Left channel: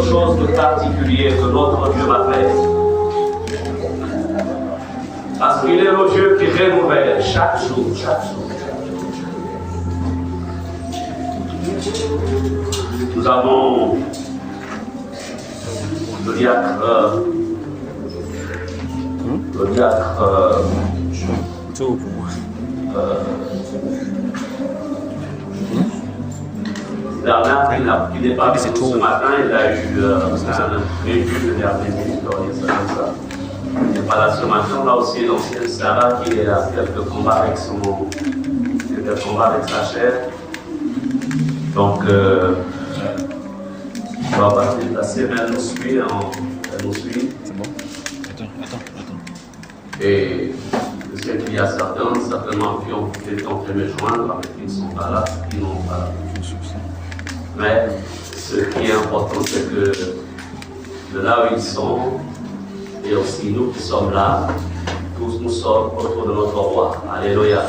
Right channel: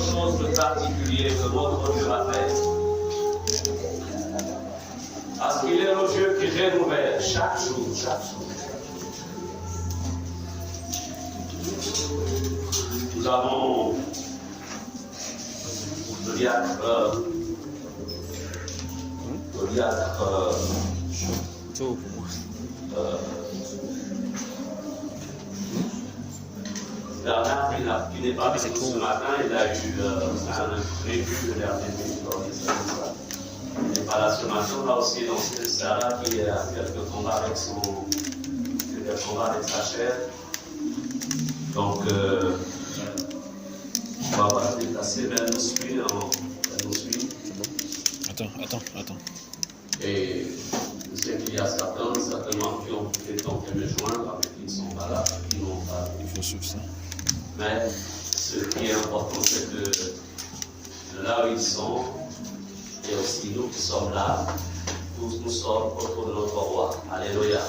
quelque chose de particulier que notre Dieu m'a fait. Parce qu'il est le Dieu qui renouvelle chaque jour, chaque jour. Nous avons le diacre Bernard qui n'est pas venu ce matin, il a eu un véhicule de dernière minute, on dit ça comme ça. Il n'est pas là ce matin, on a aussi l'ancienne Sarah qui a quelques combats avec sa chair. Donc, on va pas se déplacer, mais elle nous suit. C'est bon. Attends. Et je sais qu'il y a certainement qui ont tenté de me joindre, mais qui ne sont pas là, qui n'ont pas. Mais ce qui est important, c'est que de là où ils sont, et aussi nous qui sommes là, tous nous sommes autour de notre roi. Alléluia.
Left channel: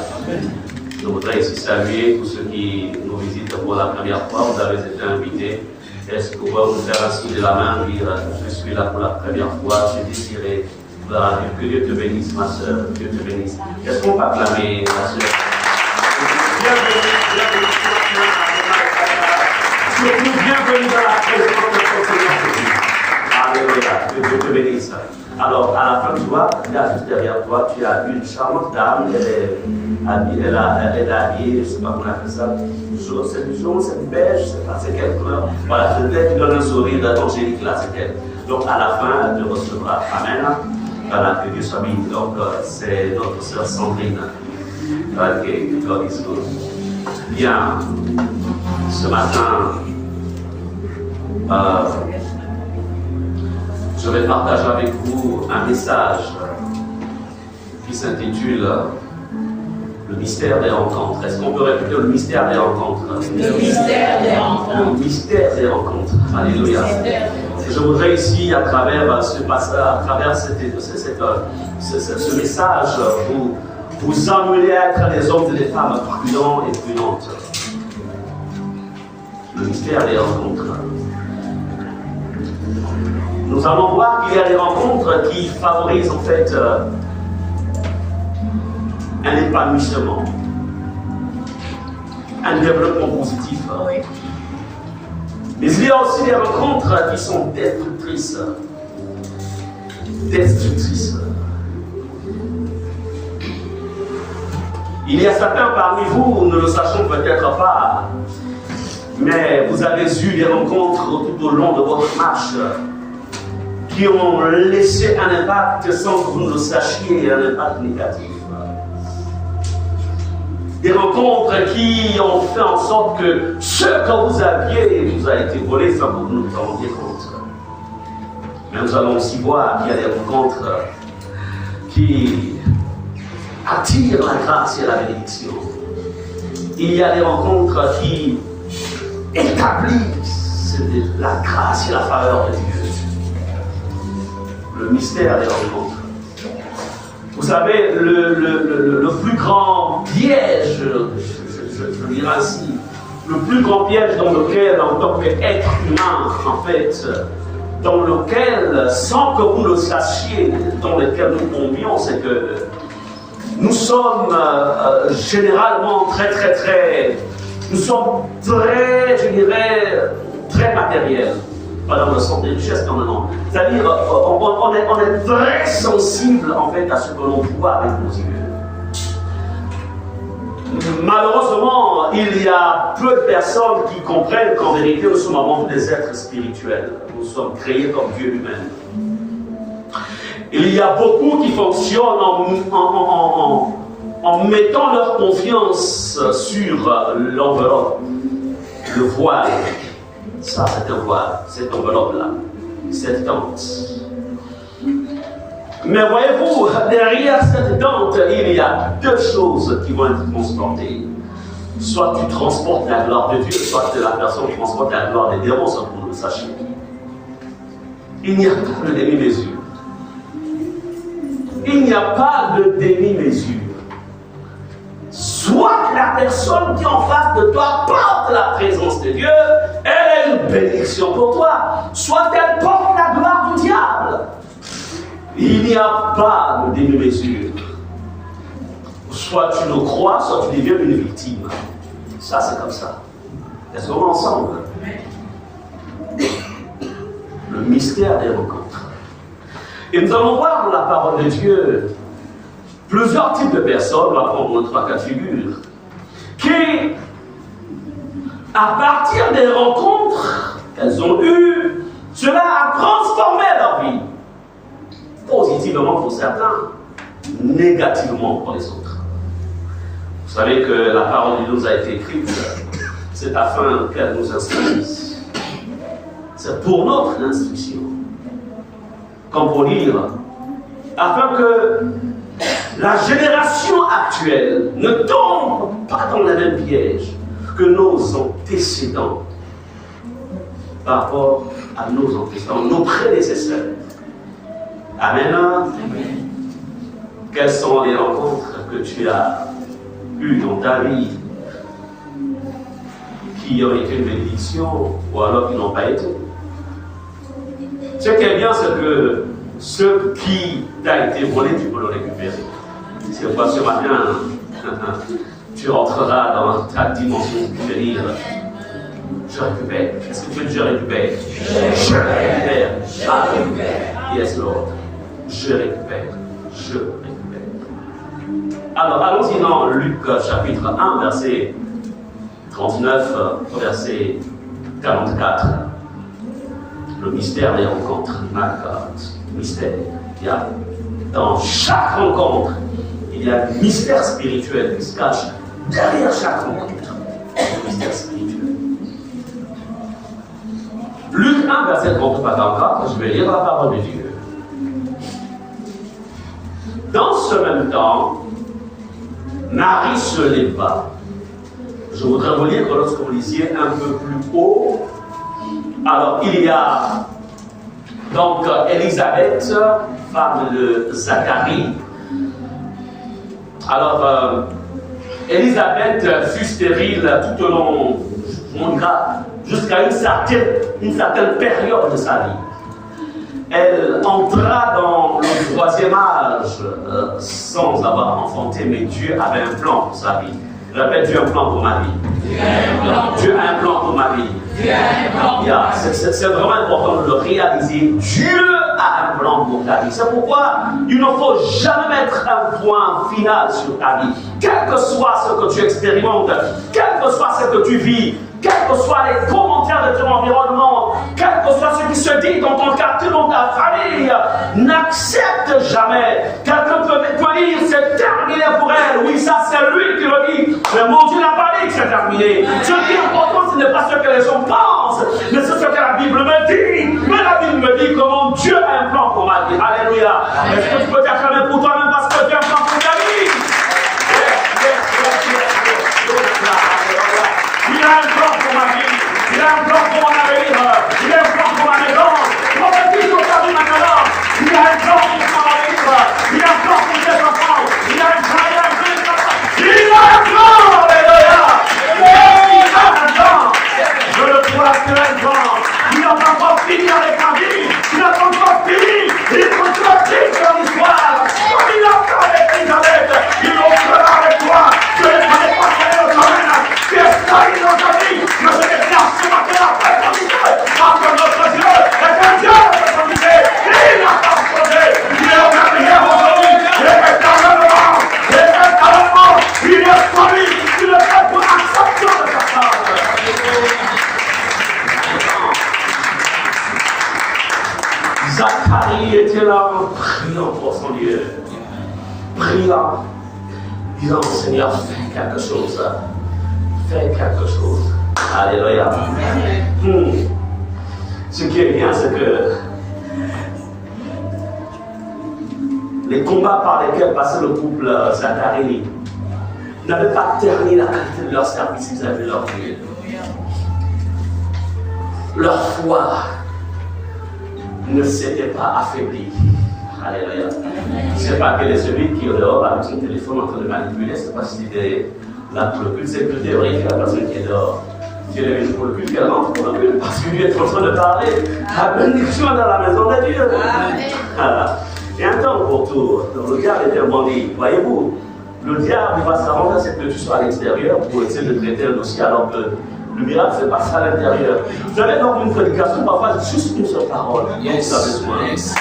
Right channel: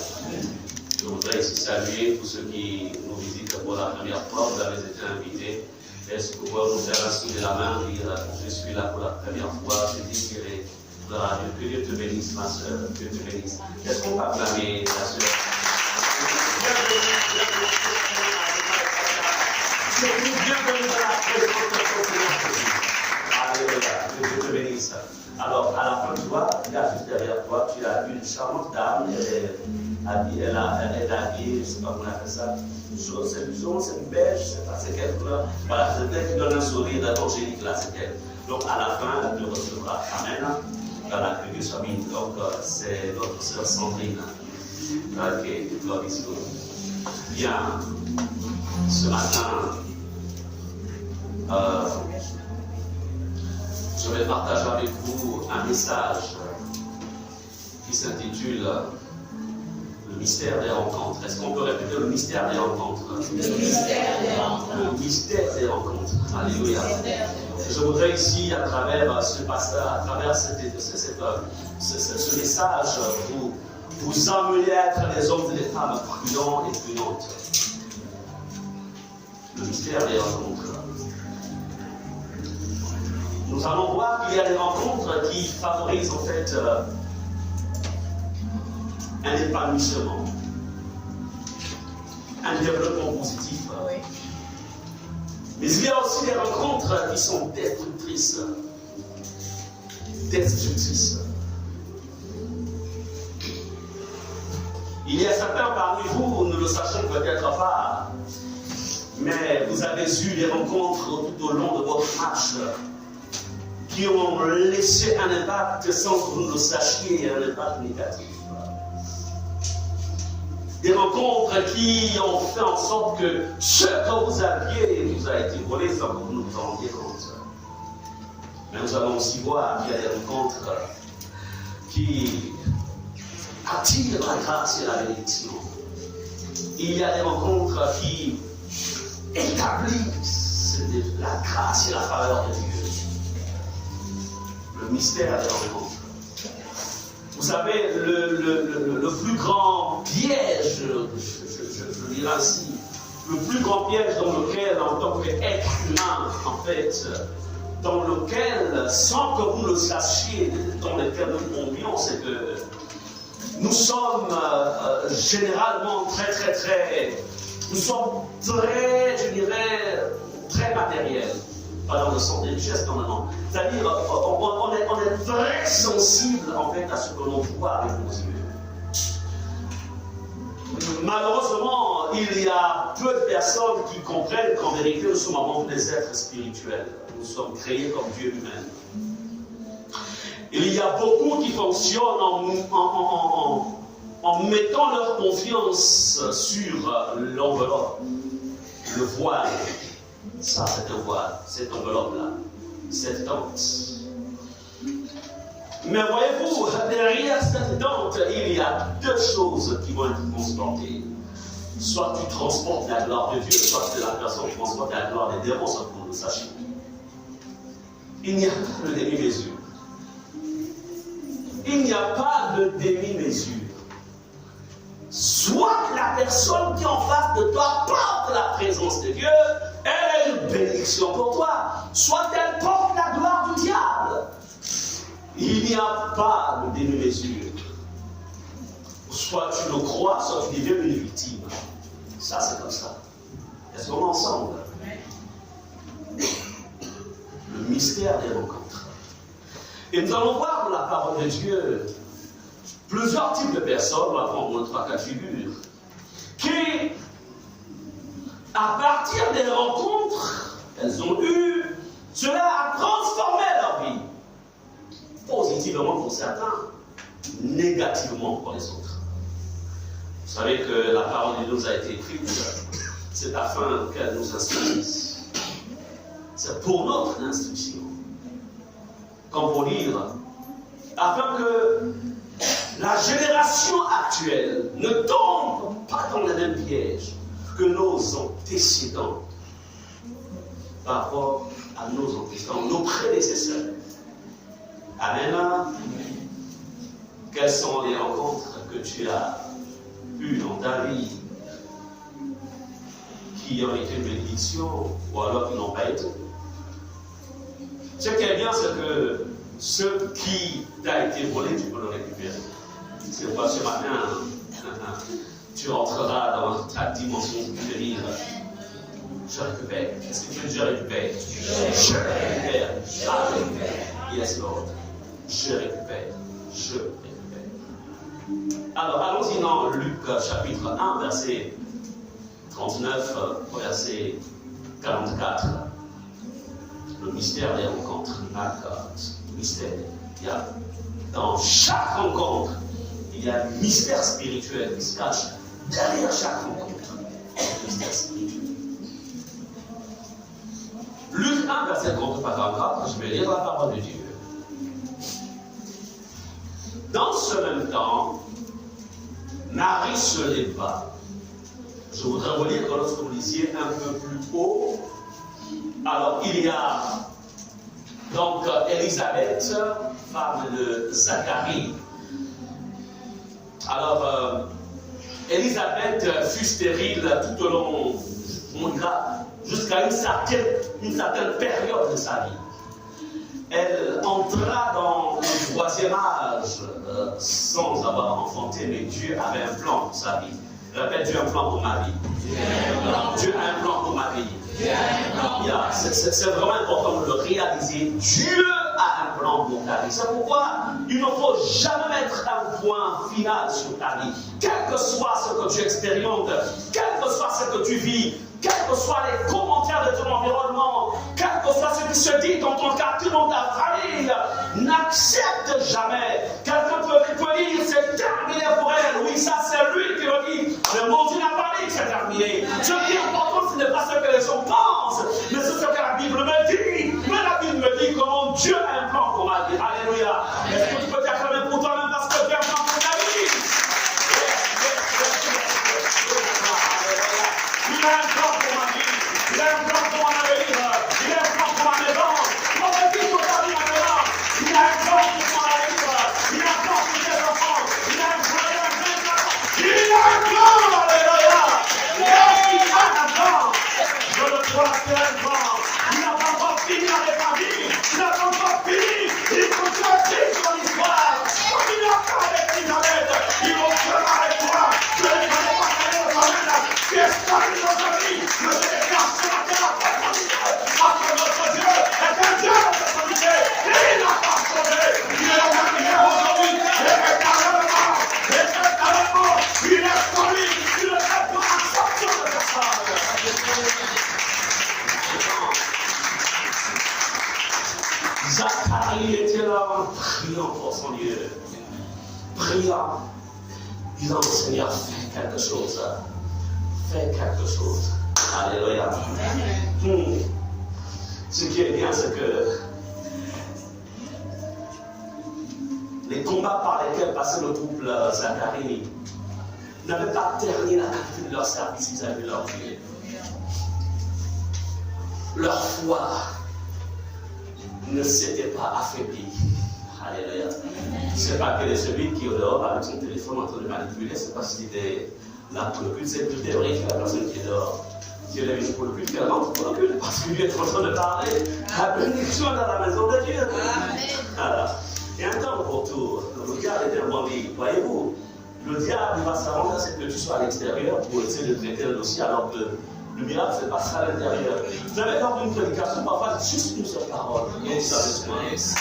Je voudrais ici saluer tous ceux qui nous visitent pour la première fois. Vous avez été invités. Est-ce que vous pouvez nous faire un signe de la main, dire je suis là pour la première fois, je désiré. Voilà, que Dieu te bénisse, ma soeur, Dieu te bénisse. Est-ce qu'on peut acclamer, ma soeur? Bienvenue dans la présence de ton Seigneur. Alléluia, que Dieu te bénisse. Alors, à la fin de toi, là, juste derrière toi, tu as une charmante dame, elle est habillée, je ne sais pas comment on appelle ça, c'est du jaune, c'est du beige, je ne sais pas, c'est quelle couleur. Voilà, peut-être tu donnes un sourire d'angélique là, c'est elle. Donc, à la fin, elle te recevra. Amen. Voilà, que Dieu soit béni. Donc, c'est notre sœur Sandrine. Ok, God is good. Bien, ce matin, je vais partager avec vous un message qui s'intitule Le mystère des rencontres. Est-ce qu'on peut répéter le mystère des rencontres? Le mystère des rencontres. Le mystère des rencontres. Alléluia. Je voudrais ici, à travers ce passage, à travers ce message, vous amener à être des hommes et des femmes prudents et prudentes. Le mystère des rencontres. Nous allons voir qu'il y a des rencontres qui favorisent en fait un épanouissement, un développement positif. Mais il y a aussi des rencontres qui sont destructrices. Il y a certains parmi vous, nous ne le sachons peut-être pas, mais vous avez eu des rencontres tout au long de votre marche qui ont laissé un impact sans que vous ne le sachiez, un impact négatif. Des rencontres qui ont fait en sorte que ce que vous aviez vous a été volé sans que vous ne vous en rendiez compte. Mais nous allons aussi voir qu'il y a des rencontres qui attirent la grâce et la bénédiction. Il y a des rencontres qui établissent la grâce et la faveur de Dieu. Le mystère des rencontres. Vous savez, le plus grand piège, je dirais ainsi, le plus grand piège dans lequel, en tant qu'être humain, en fait, dans lequel, sans que vous le sachiez, dans lequel nous tombions, c'est que nous sommes généralement nous sommes très, je dirais, très matériels. Pas dans le sens des richesses, normalement. C'est-à-dire, on est très sensible, en fait, à ce que l'on voit avec nos yeux. Malheureusement, il y a peu de personnes qui comprennent qu'en vérité, nous sommes avant tout des êtres spirituels. Nous sommes créés comme Dieu lui-même. Il y a beaucoup qui fonctionnent en mettant leur confiance sur l'enveloppe, le voile. Ça, c'est un voile, cette enveloppe-là, cette tente. Mais voyez-vous, derrière cette tente, il y a deux choses qui vont être transportées. Soit tu transportes la gloire de Dieu, soit la personne transporte la gloire des démons, sans que vous le sachiez. Il n'y a pas de demi-mesure. Il n'y a pas de demi-mesure. Soit la personne qui est en face de toi porte la présence de Dieu, elle est une bénédiction pour toi, soit elle porte la gloire du diable. Il n'y a pas de demi-mesure. Soit tu le crois, soit tu deviens une victime. Ça, c'est comme ça. Est-ce qu'on est ensemble? Le mystère des rencontres. Et nous allons voir dans la parole de Dieu plusieurs types de personnes, on va prendre 3 cas de figure, qui, à partir des rencontres qu'elles ont eues, cela a transformé leur vie. Positivement pour certains, négativement pour les autres. Vous savez que la parole de Dieu nous a été écrite, c'est afin qu'elle nous instruise. C'est pour notre instruction. Comme pour lire, afin que la génération actuelle ne tombe pas dans le même piège que nos antécédents par rapport à nos antécédents, nos prédécesseurs. Amen. Quelles sont les rencontres que tu as eues dans ta vie qui ont été une bénédiction ou alors qui n'ont pas été? Ce qui est bien, c'est que ce qui t'a été volé, tu peux le récupérer. C'est pourquoi ce matin, tu rentreras dans ta dimension supérieure. Je récupère. Est-ce que tu veux dire je récupère? Je récupère. Ah, yes, Lord. Je récupère. Je récupère. Alors, allons-y dans Luc chapitre 1, verset 39, verset 44. Le mystère des rencontres. My God. Mystère. Il y a, dans chaque rencontre, il y a un mystère spirituel qui se cache derrière chaque rencontre. Un mystère spirituel. Luc 1, verset 39 à 44, je vais lire la parole de Dieu. Dans ce même temps, Marie se leva. Je voudrais vous lire que lorsque vous lisiez un peu plus haut, alors il y a donc Élisabeth, femme de Zacharie. Alors, Élisabeth fut stérile tout au long, jusqu'à une certaine période de sa vie. Elle entra dans le 3e âge sans avoir enfanté, mais Dieu avait un plan pour sa vie. Je répète, Dieu a un plan pour ma vie. Dieu a un plan pour ma vie. C'est vraiment important de le réaliser. Dieu a un plan pour ta vie. C'est pourquoi il ne faut jamais mettre un point final sur ta vie. Quel que soit ce que tu expérimentes, quel que soit ce que tu vis, quels que soient les commentaires de ton environnement, quel que soit ce qui se dit dans ton quartier, dans ta famille, n'accepte jamais. Quelqu'un peut dire c'est terminé pour elle. Oui, ça c'est lui qui le dit. Mais mon Dieu n'a pas dit que c'est terminé. Ce qui est important, ce n'est pas ce que les gens pensent, mais c'est ce que la Bible me dit. Mais la Bible me dit comment Dieu a un plan pour ma vie. Alléluia. Est-ce que tu peux t'acclamer pour toi-même parce que Dieu a un plan pour ta vie? Il a un plan pour ma vie, il a un plan pour mon avenir, il a un plan pour ma maison. Prophétise pour ta vie maintenant. Il a un plan pour mon avenir, il a un plan pour tes enfants, il a un plan, il a un plan, alléluia. Il a un plan. Je le crois, c'est un plan. Il n'a pas encore fini avec ma vie, il n'a pas encore fini. Il continue à vivre son histoire. Comme il a fait avec Élisabeth, il le fera avec toi. Je ne connais pas quel est le domaine. Tu es salé dans ta vie, mais je vais faire ce matin après ton idée. Parce que notre Dieu est un Dieu de son idée. Il n'a pas changé. Il est au même hier aujourd'hui. Il est éternellement. Il est éternellement. Il est solide. Il est fait pour l'acceptation de sa part. Zacharie était là, priant pour son Dieu. Priant. Disant, Seigneur, fais quelque chose. Fais quelque chose. Alléluia. Ce qui est bien, c'est que les combats par lesquels passait le couple Zacharie n'avaient pas terni la qualité de leur service, ils avaient leur Dieu. Leur foi ne s'était pas affaiblie. Alléluia. Ce n'est pas que celui qui est dehors avec son téléphone en train de manipuler, ce n'est pas si c'était la plus de sécurité vérifier la personne qui est dehors. Si elle est venue pour le culte, qu'elle rentre pour le culte, parce que Dieu est en train de parler. La bénédiction dans la maison de Dieu. Voilà. Et un temps pour tout. Le diable est tellement dit. Voyez-vous, le diable va s'arranger à ce que tu sois à l'extérieur pour essayer de traiter un dossier alors que le miracle se passe à l'intérieur. Vous avez donc une prédication, parfois juste une seule parole. Yes. Vous avez besoin. Yes.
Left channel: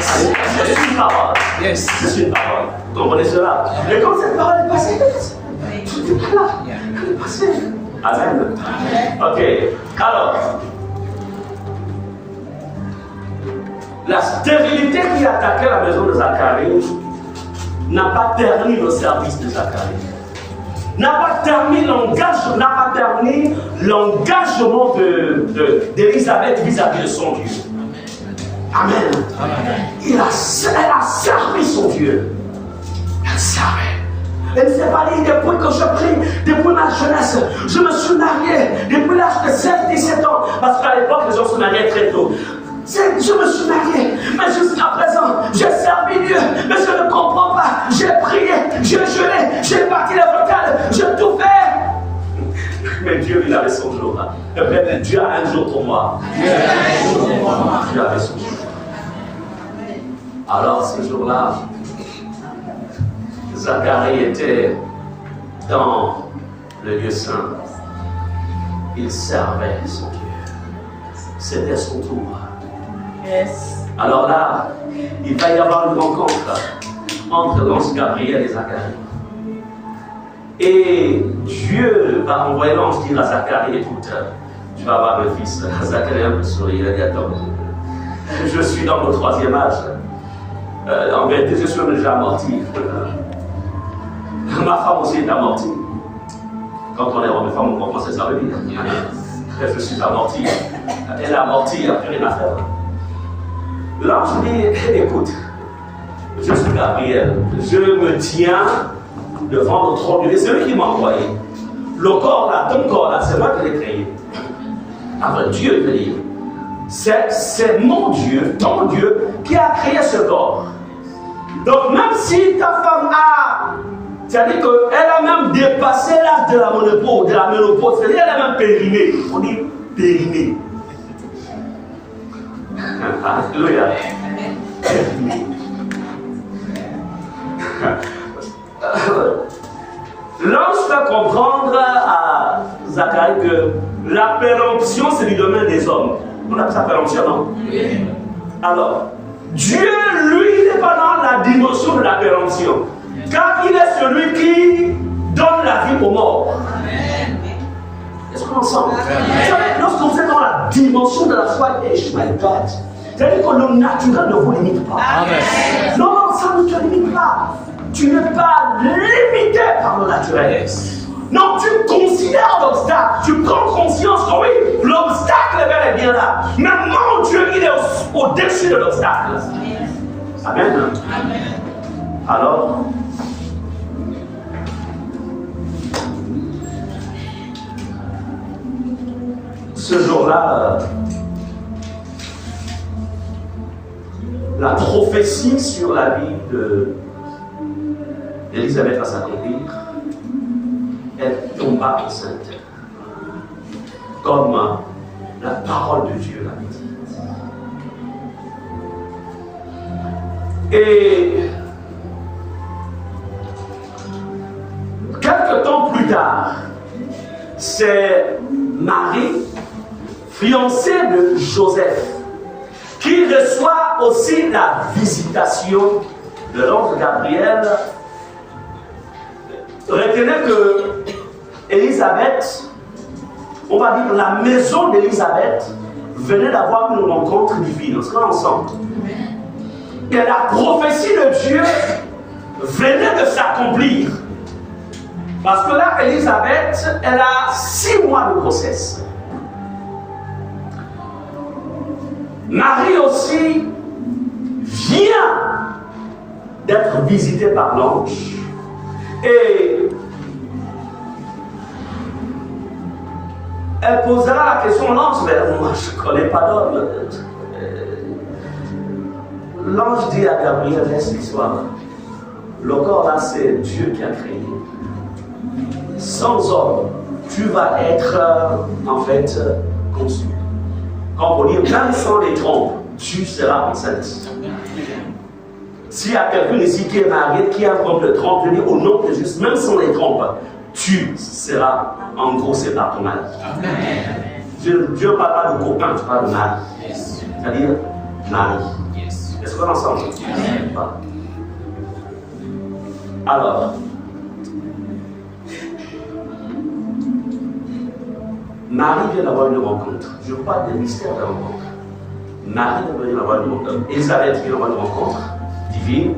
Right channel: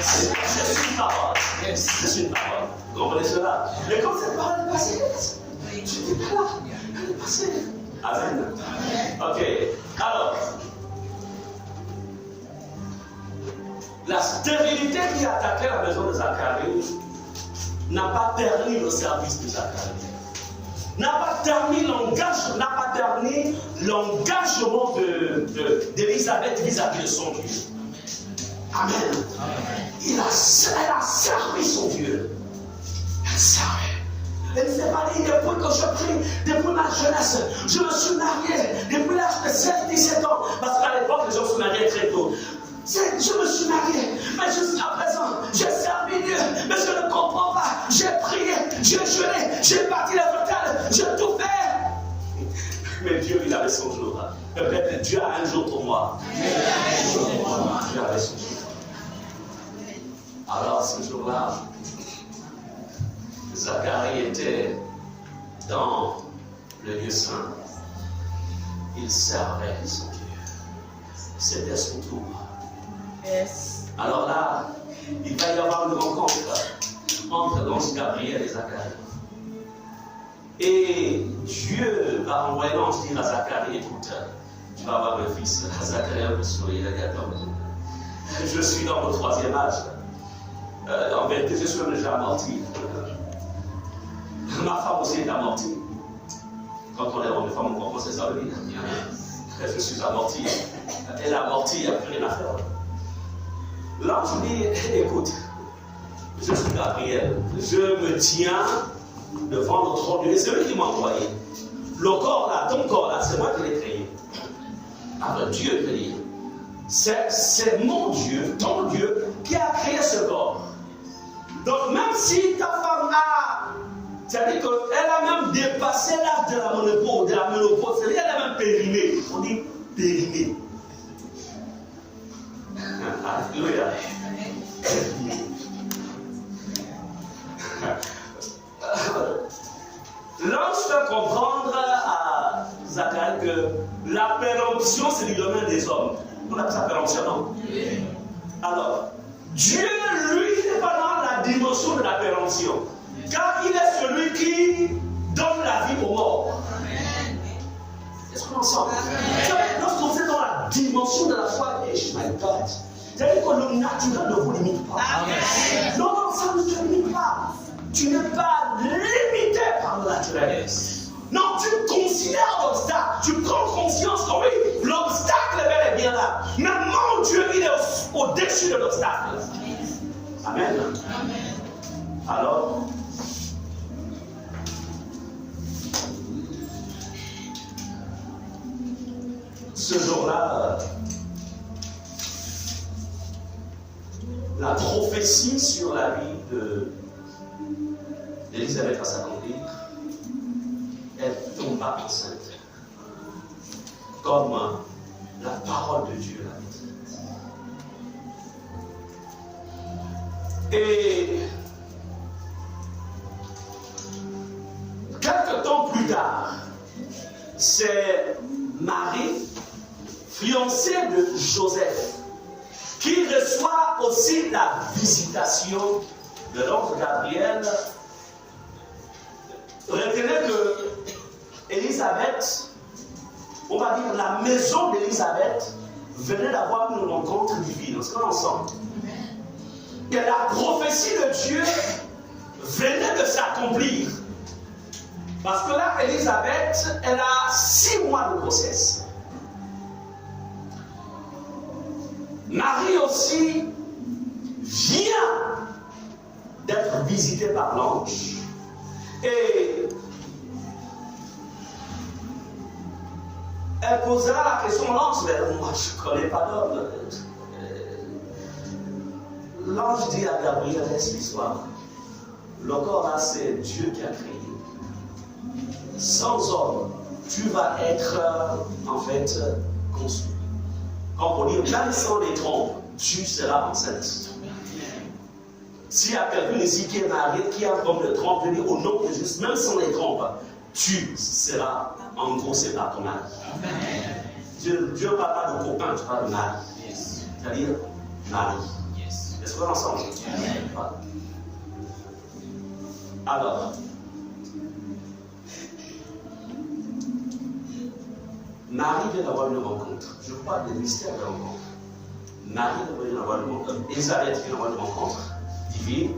C'est une parole. Yes. C'est une parole. Vous comprenez cela? Et quand cette parole est passée, tout est là. Elle est passée. Amen. Ok. Alors, la stérilité qui attaquait la maison de Zacharie n'a pas terni le service de Zacharie. N'a pas terni l'engagement d'Élisabeth vis-à-vis de son Dieu. Amen. Elle a servi son Dieu. Elle savait. Elle ne s'est pas dit depuis que je prie, depuis ma jeunesse, je me suis marié, depuis l'âge de 16-17 ans, parce qu'à l'époque, les gens se mariaient très tôt. Je me suis marié, mais jusqu'à présent, j'ai servi Dieu, mais je ne comprends pas. J'ai prié, j'ai jeûné, j'ai parti les vocales, j'ai tout fait. Mais Dieu, il avait son jour. Dieu a un jour pour moi. Dieu avait son jour. Alors, ce jour-là, Zacharie était dans le lieu saint. Il servait son Dieu. C'était son tour. Yes. Alors là, il va y avoir une rencontre entre l'ange Gabriel et Zacharie. Et Dieu va envoyer l'ange dire à Zacharie, écoute, tu vas avoir un fils. Zacharie a un peu souri, il a dit, attends, je suis dans mon 3e âge. En vérité, je suis même déjà amorti. Ma femme aussi est amortie. Quand on est homme et femme, on comprend ce que ça veut dire. Je suis amorti. Elle est amortie, il n'y a plus rien à faire. L'ange dit, écoute, je suis Gabriel, je me tiens devant le trône de Dieu, c'est lui qui m'a envoyé. Le corps là, ton corps là, c'est moi qui l'ai créé. Après Dieu te dit, c'est mon Dieu, ton Dieu, qui a créé ce corps. Donc même si ta femme a, c'est-à-dire qu'elle a même dépassé l'âge de la ménopause, c'est-à-dire qu'elle a même périmé. On dit périmé. Alléluia. L'ange fait comprendre à Zacharie que la péremption, c'est du domaine des hommes. On appelle ça péremption, non? Oui. Alors, Dieu, lui, n'est pas dans la dimension de la péremption. Car il est celui qui donne la vie aux morts. Est-ce qu'on ensemble? Lorsque vous êtes dans la dimension de la foi, c'est-à-dire que le naturel ne vous limite pas. Amen. Non, ça ne te limite pas. Tu n'es pas limité par le naturel. Non, tu considères l'obstacle. Tu prends conscience que oui, l'obstacle est bel et bien là. Mais mon Dieu, il est au-dessus de l'obstacle. Amen. Amen. Alors, ce jour-là, la prophétie sur la vie d'Élisabeth va s'accomplir. Elle tomba enceinte. Comme la parole de Dieu l'avait dit. Et quelque temps plus tard, c'est Marie, fiancée de Joseph, qui reçoit aussi la visitation de l'ange Gabriel. Retenez que Élisabeth, on va dire la maison d'Élisabeth, venait d'avoir une rencontre divine. On sera ensemble. Et la prophétie de Dieu venait de s'accomplir. Parce que là, Élisabeth, elle a 6 mois de grossesse. Marie aussi vient d'être visitée par l'ange. Et elle posera la question, l'ange, mais moi je ne connais pas d'homme. L'ange dit à Gabriel, laisse l'histoire. Le corps là, c'est Dieu qui a créé. Sans homme, tu vas être en fait conçu. Quand on dit même sans les trompes, tu seras enceinte. S'il y a quelqu'un ici qui est marié, qui a un problème de trompe, je dis au nom de Jésus, même sans les trompes, tu seras en gros, c'est par ton mari. Dieu ne parle pas de copain, tu parles de mari. C'est-à-dire mari. Est-ce qu'on est ensemble? Alors, Marie vient d'avoir une rencontre. Je vous parle des mystères de la rencontre. Marie vient d'avoir une rencontre. Élisabeth vient d'avoir une rencontre divine.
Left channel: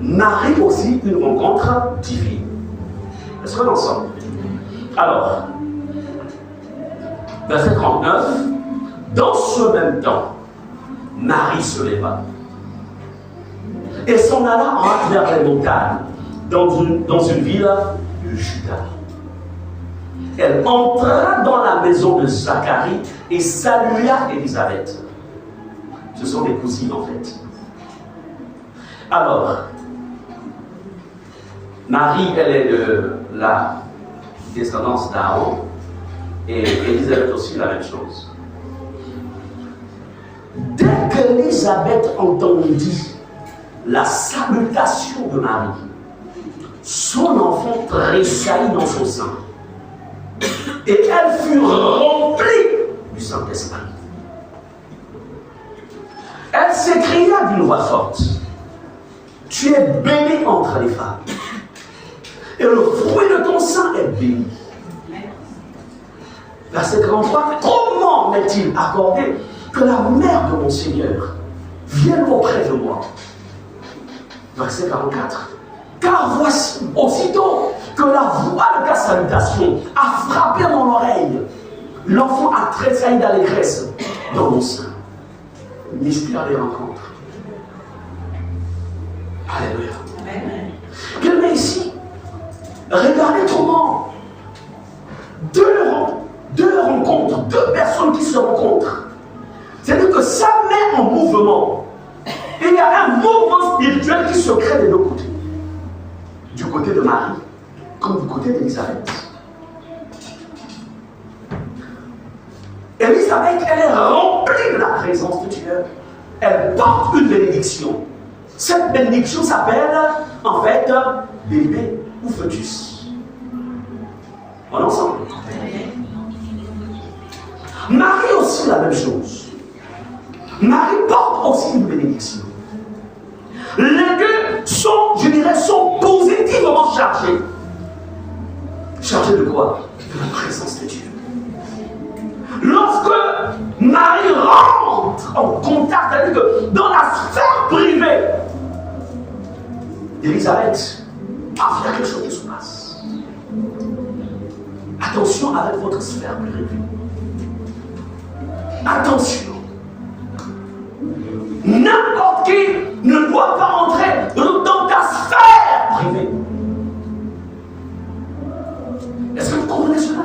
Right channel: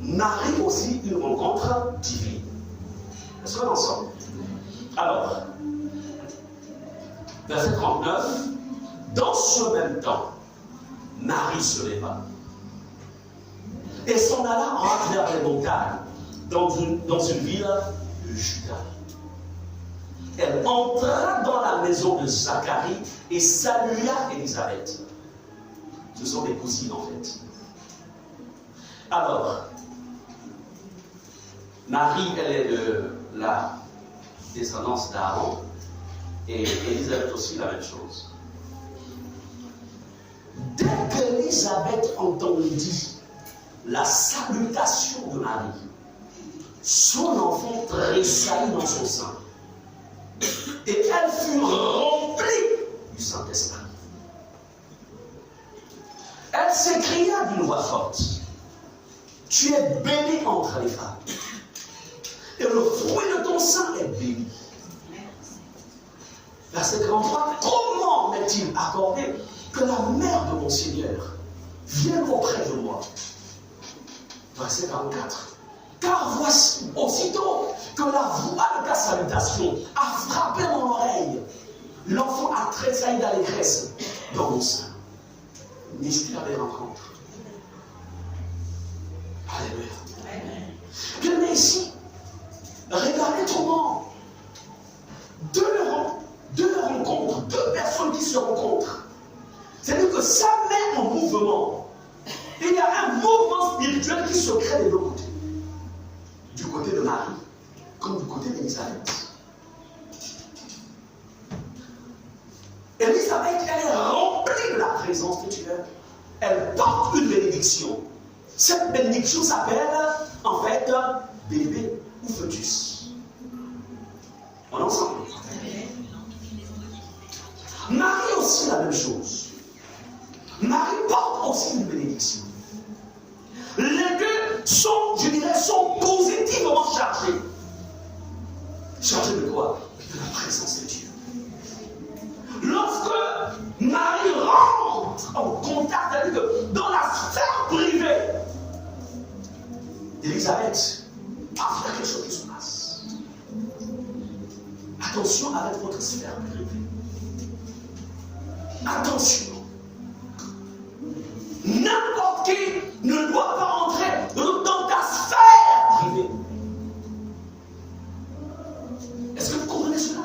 Marie aussi une rencontre divine. Est-ce qu'on est ensemble? Alors, verset 39, dans ce même temps, Marie se leva et s'en alla à travers les montagnes, dans une ville de Juda. Elle entra dans la maison de Zacharie et salua Élisabeth. Ce sont des cousines en fait. Alors, Marie, elle est de la descendance d'Aaron et Élisabeth aussi la même chose. Dès qu'Élisabeth entendit la salutation de Marie, son enfant tressaillit dans son sein et elle fut remplie du Saint-Esprit. Elle s'écria d'une voix forte: tu es bénie entre les femmes, et le fruit de ton sein est béni. Verset 43, comment m'est-il accordé que la mère de mon Seigneur vienne auprès de moi? Verset 44, car voici, aussitôt que la voix de ta salutation a frappé mon oreille, l'enfant a tressailli d'allégresse dans mon sein. Mystère des rencontres. Alléluia. Bien, mais ici, regardez comment deux rencontres, deux personnes qui se rencontrent. C'est-à-dire que ça met en mouvement. Et il y a un mouvement spirituel qui se crée des deux côtés. Du côté de Marie, comme du côté d'Élisabeth. Élisabeth, elle est remplie de la présence de Dieu. Elle porte une bénédiction. Cette bénédiction s'appelle, en fait, bébé ou fœtus. On est ensemble. Marie aussi la même chose. Marie porte aussi une bénédiction. Les deux sont, je dirais, sont positivement chargés. Chargés de quoi? De la présence de Dieu. Lorsque Marie rentre en contact, c'est-à-dire que dans la sphère privée d'Élisabeth, il y a quelque chose qui se passe. Attention avec votre sphère privée. Attention. N'importe qui ne doit pas entrer dans ta sphère privée. Est-ce que vous comprenez cela?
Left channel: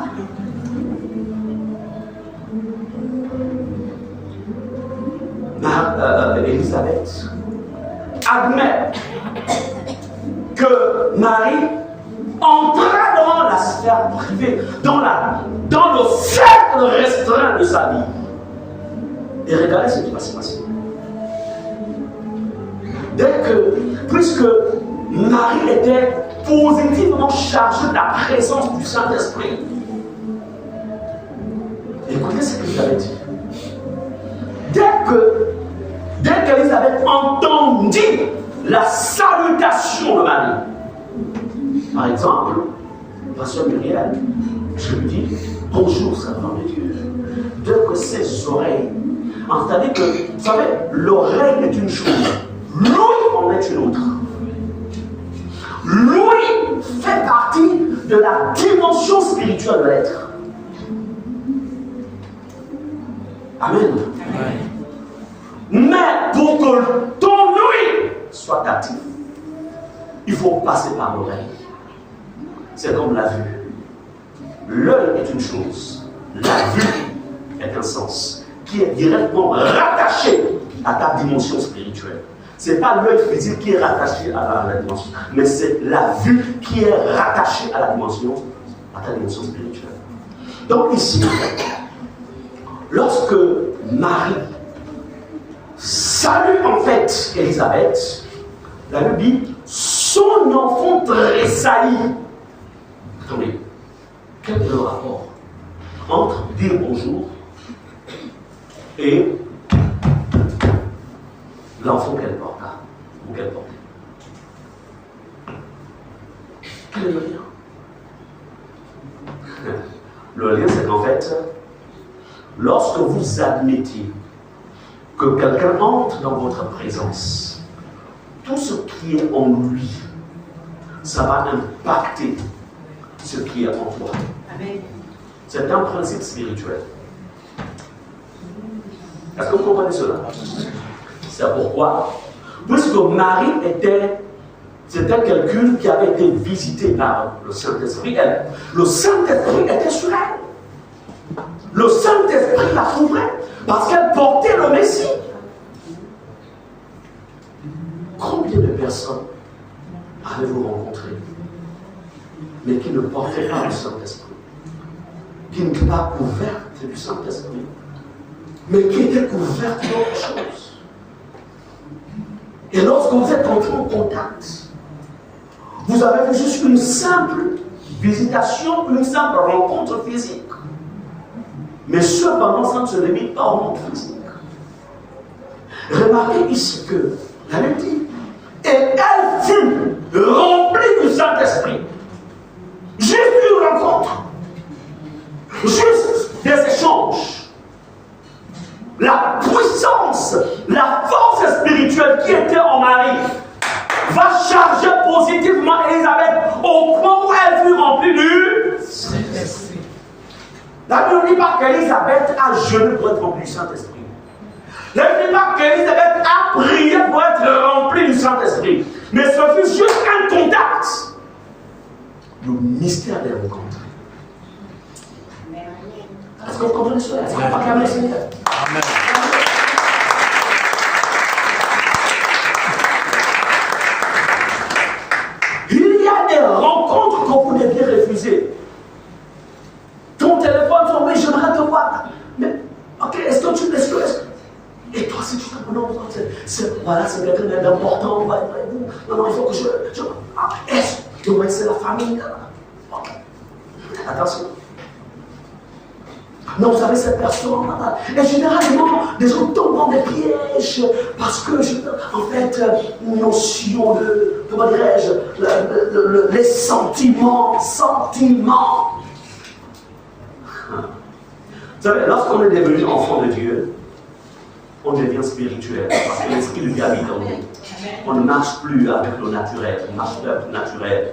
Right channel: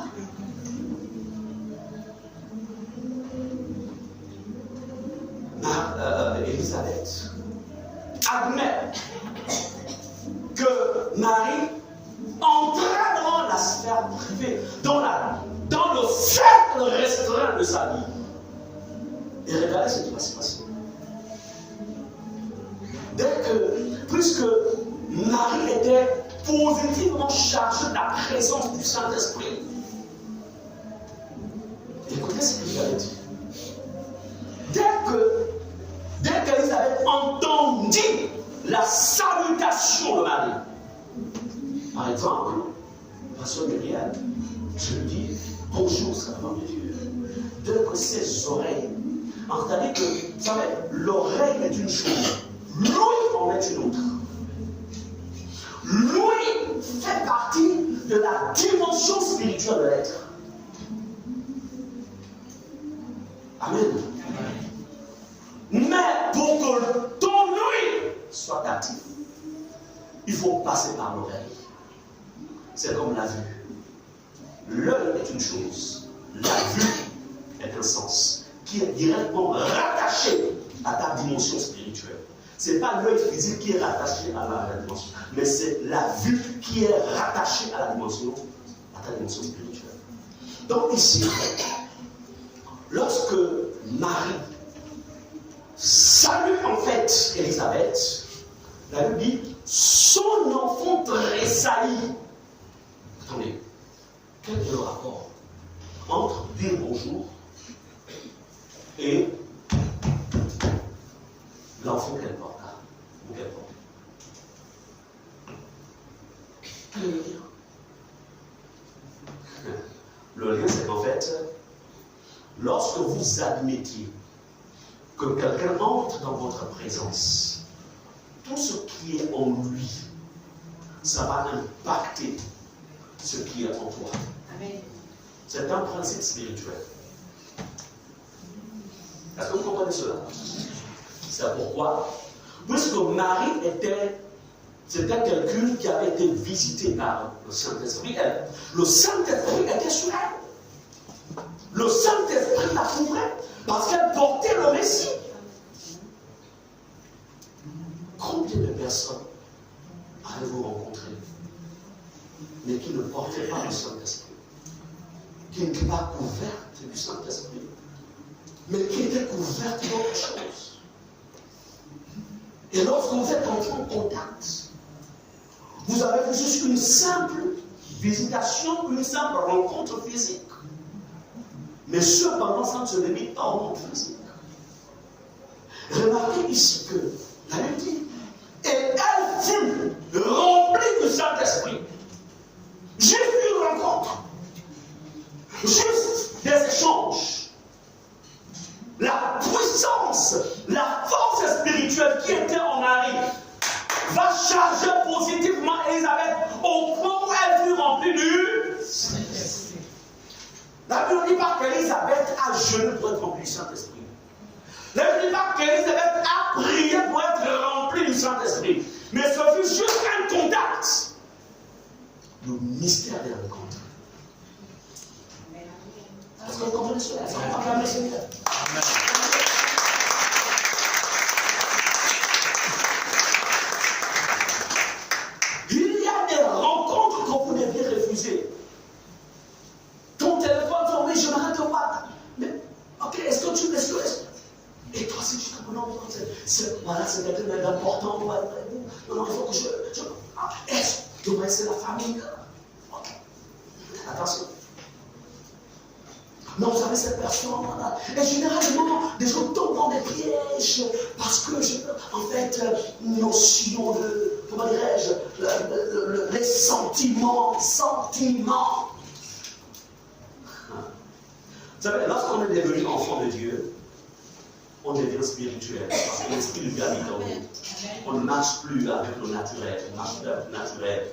Élisabeth admet que Marie entra dans la sphère privée, dans le cercle restreint de sa vie. Et regardez ce qui va se passer. Puisque Marie était positivement chargée de la présence du Saint-Esprit, écoutez ce qu'il avait dit. Dès qu'Élisabeth entendit la salutation de Marie, par exemple, ma soeur Muriel, je lui dis bonjour, servant de Dieu. Dès que ses oreilles, c'est-à-dire que, vous savez, l'oreille est une chose, l'ouïe en est une autre. L'ouïe fait partie de la dimension spirituelle de l'être. Amen. Mais pour que ton ouïe soit active, il faut passer par l'oreille. C'est comme la vue. L'œil est une chose, la vue est un sens qui est directement rattaché à ta dimension spirituelle. Ce n'est pas l'œil physique qui est rattaché à la dimension, mais c'est la vue qui est rattachée à ta dimension spirituelle. Donc ici, lorsque Marie salue en fait Élisabeth, la Bible dit son enfant tressaillit. Attendez, quel est le rapport entre dire bonjour et l'enfant qu'elle porta ou qu'elle portait? Quel est le lien? Le lien, c'est qu'en fait, lorsque vous admettez que quelqu'un entre dans votre présence, tout ce qui est en lui, ça va impacter ce qui est en toi. Amen. C'est un principe spirituel. Est-ce que vous comprenez cela? C'est pourquoi, puisque Marie c'était quelqu'un qui avait été visité par le Saint-Esprit, le Saint-Esprit était sur elle. Le Saint-Esprit la couvrait parce qu'elle portait le Messie. Combien de personnes avez-vous rencontré, mais qui ne portaient pas le Saint-Esprit, qui n'étaient pas couvertes du Saint-Esprit, mais qui étaient couvertes d'autres choses? Et lorsque vous êtes entré en contact, vous avez fait juste une simple visitation, une simple rencontre physique. Mais cependant, ça ne se limite pas au monde physique. Remarquez ici que la Bible dit, et elle fut remplie du Saint-Esprit. Juste une rencontre, juste des échanges. La puissance, la force spirituelle qui était en Marie va charger positivement Élisabeth au point où elle fut remplie du Saint-Esprit. La Bible ne dit pas qu'Élisabeth a jeûné pour être remplie du Saint-Esprit. La Bible ne dit pas qu'Élisabeth a prié pour être remplie du Saint-Esprit. Mais ce fut juste un contact. Le mystère des rencontres. Est-ce que vous comprenez cela? Est-ce qu'on va acclamer le Seigneur? Amen. Il y a des rencontres que vous deviez refuser. Ton téléphone sonne, oui, j'aimerais te voir. Mais, ok, est-ce que tu. Et toi, si tu te non, voilà, c'est quelqu'un d'important. Non, il faut que est-ce que c'est la famille? Ok. Attention. Mais vous savez, cette personne, et généralement, des gens tombent dans des pièges parce que, en fait, une notion de, comment dirais-je, les sentiments. Vous savez, lorsqu'on est devenu enfant de Dieu, on devient spirituel parce que l'esprit de Dieu habite en nous. On ne marche plus avec le naturel, on marche plus avec le naturel.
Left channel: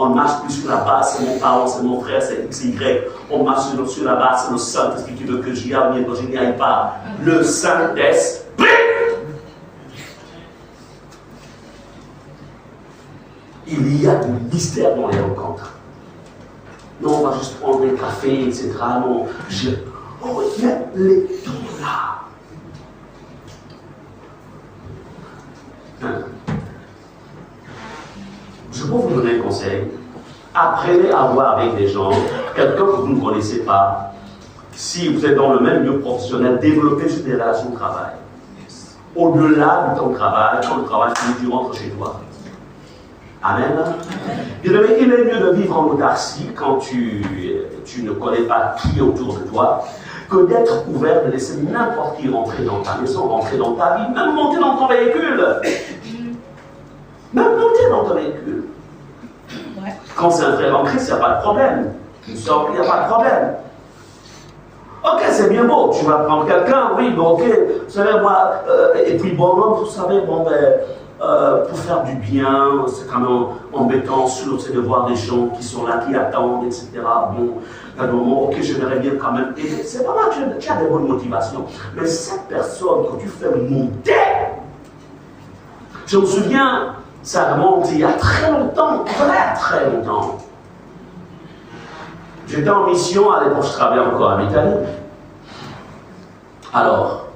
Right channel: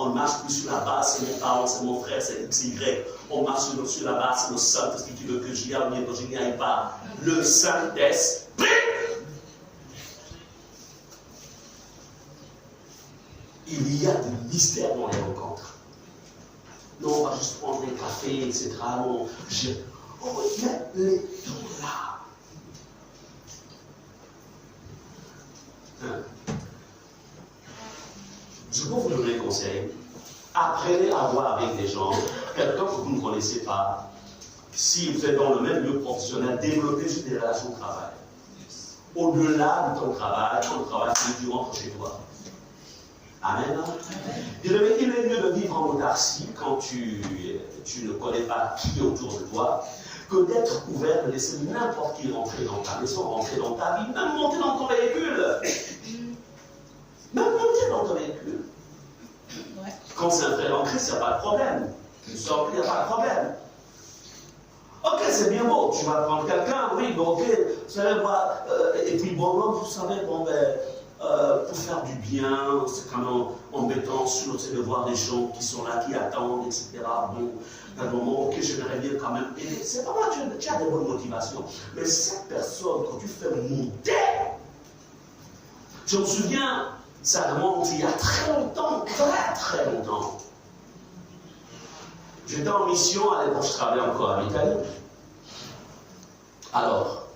On ne marche plus sur la base, c'est mon parent, c'est mon frère, c'est XY. On marche sur la base, c'est le Saint-Esprit qui veut que j'y aille, que je n'y aille pas. Le Saint-Esprit. Il y a du mystère dans les rencontres. Non, on va juste prendre un café, etc. Non, oh, il y a les dons là. Je peux vous donner un conseil. Apprenez à voir avec des gens, quelqu'un que vous ne connaissez pas. Si vous êtes dans le même milieu professionnel, développez juste des relations de travail. Au-delà de ton travail, quand le travail finit, tu rentres chez toi. Amen. Il est mieux de vivre en autarcie quand tu ne connais pas qui est autour de toi, que d'être ouvert, de laisser n'importe qui rentrer dans ta maison, rentrer dans ta vie, même monter dans ton véhicule. Même monter dans ton véhicule. Quand c'est un frère en Christ, il n'y a pas de problème. Tu sors, il n'y a pas de problème. Ok, c'est bien beau, tu vas prendre quelqu'un, oui, mais ok, vous savez, moi, et puis bon, vous savez, bon, pour faire du bien, c'est quand même embêtant, c'est de voir des gens qui sont là, qui attendent, etc. Bon, à un moment, ok, je verrais bien quand même aider. C'est vraiment, tu as des bonnes motivations. Mais cette personne que tu fais monter, je me souviens, ça remonte il y a très longtemps, très longtemps. J'étais en mission, à l'époque je travaillais encore en Italie. Alors,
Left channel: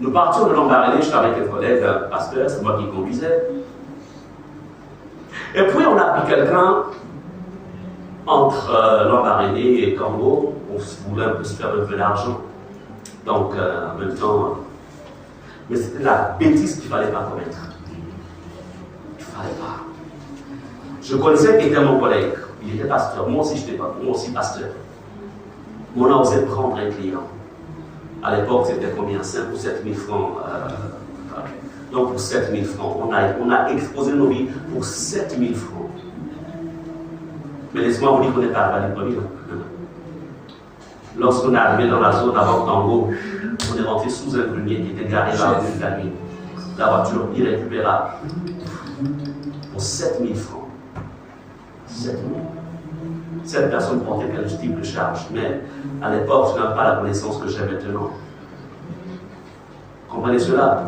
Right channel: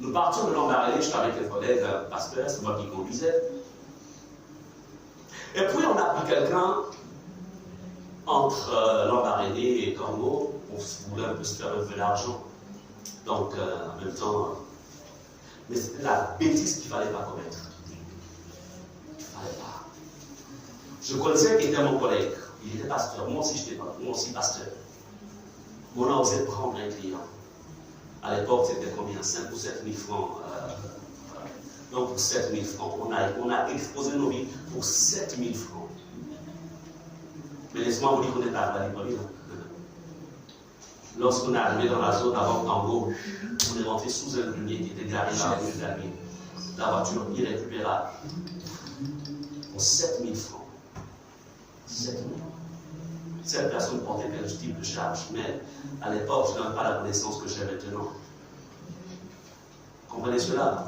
nous partions de Lambaréné, j'étais avec un collègue, un pasteur, c'est moi qui conduisais. Et puis on a pris quelqu'un entre Lambaréné et Congo, on voulait un peu se faire un peu d'argent. Donc, en même temps, mais c'était la bêtise qu'il ne fallait pas commettre. Il ne fallait pas. Je connaissais qui était mon collègue. Il était pasteur. Moi aussi, j'étais pas. Moi aussi, pasteur. On a osé prendre un client. À l'époque, c'était combien? 5 ou 7 000 francs. Donc, pour 7 000 francs, on a exposé nos vies pour 7 000 francs. Mais laissez-moi vous dire qu'on n'est pas arrivé à l'école. Lorsqu'on est arrivé dans la zone avant Tango, on est rentré sous un grenier qui était garé là de la nuit. La voiture irrécupérable. Pour 7 000 francs. 7 000. Cette personne portait quel type de charge, mais à l'époque, je n'avais pas la connaissance que j'ai maintenant. Comprenez cela?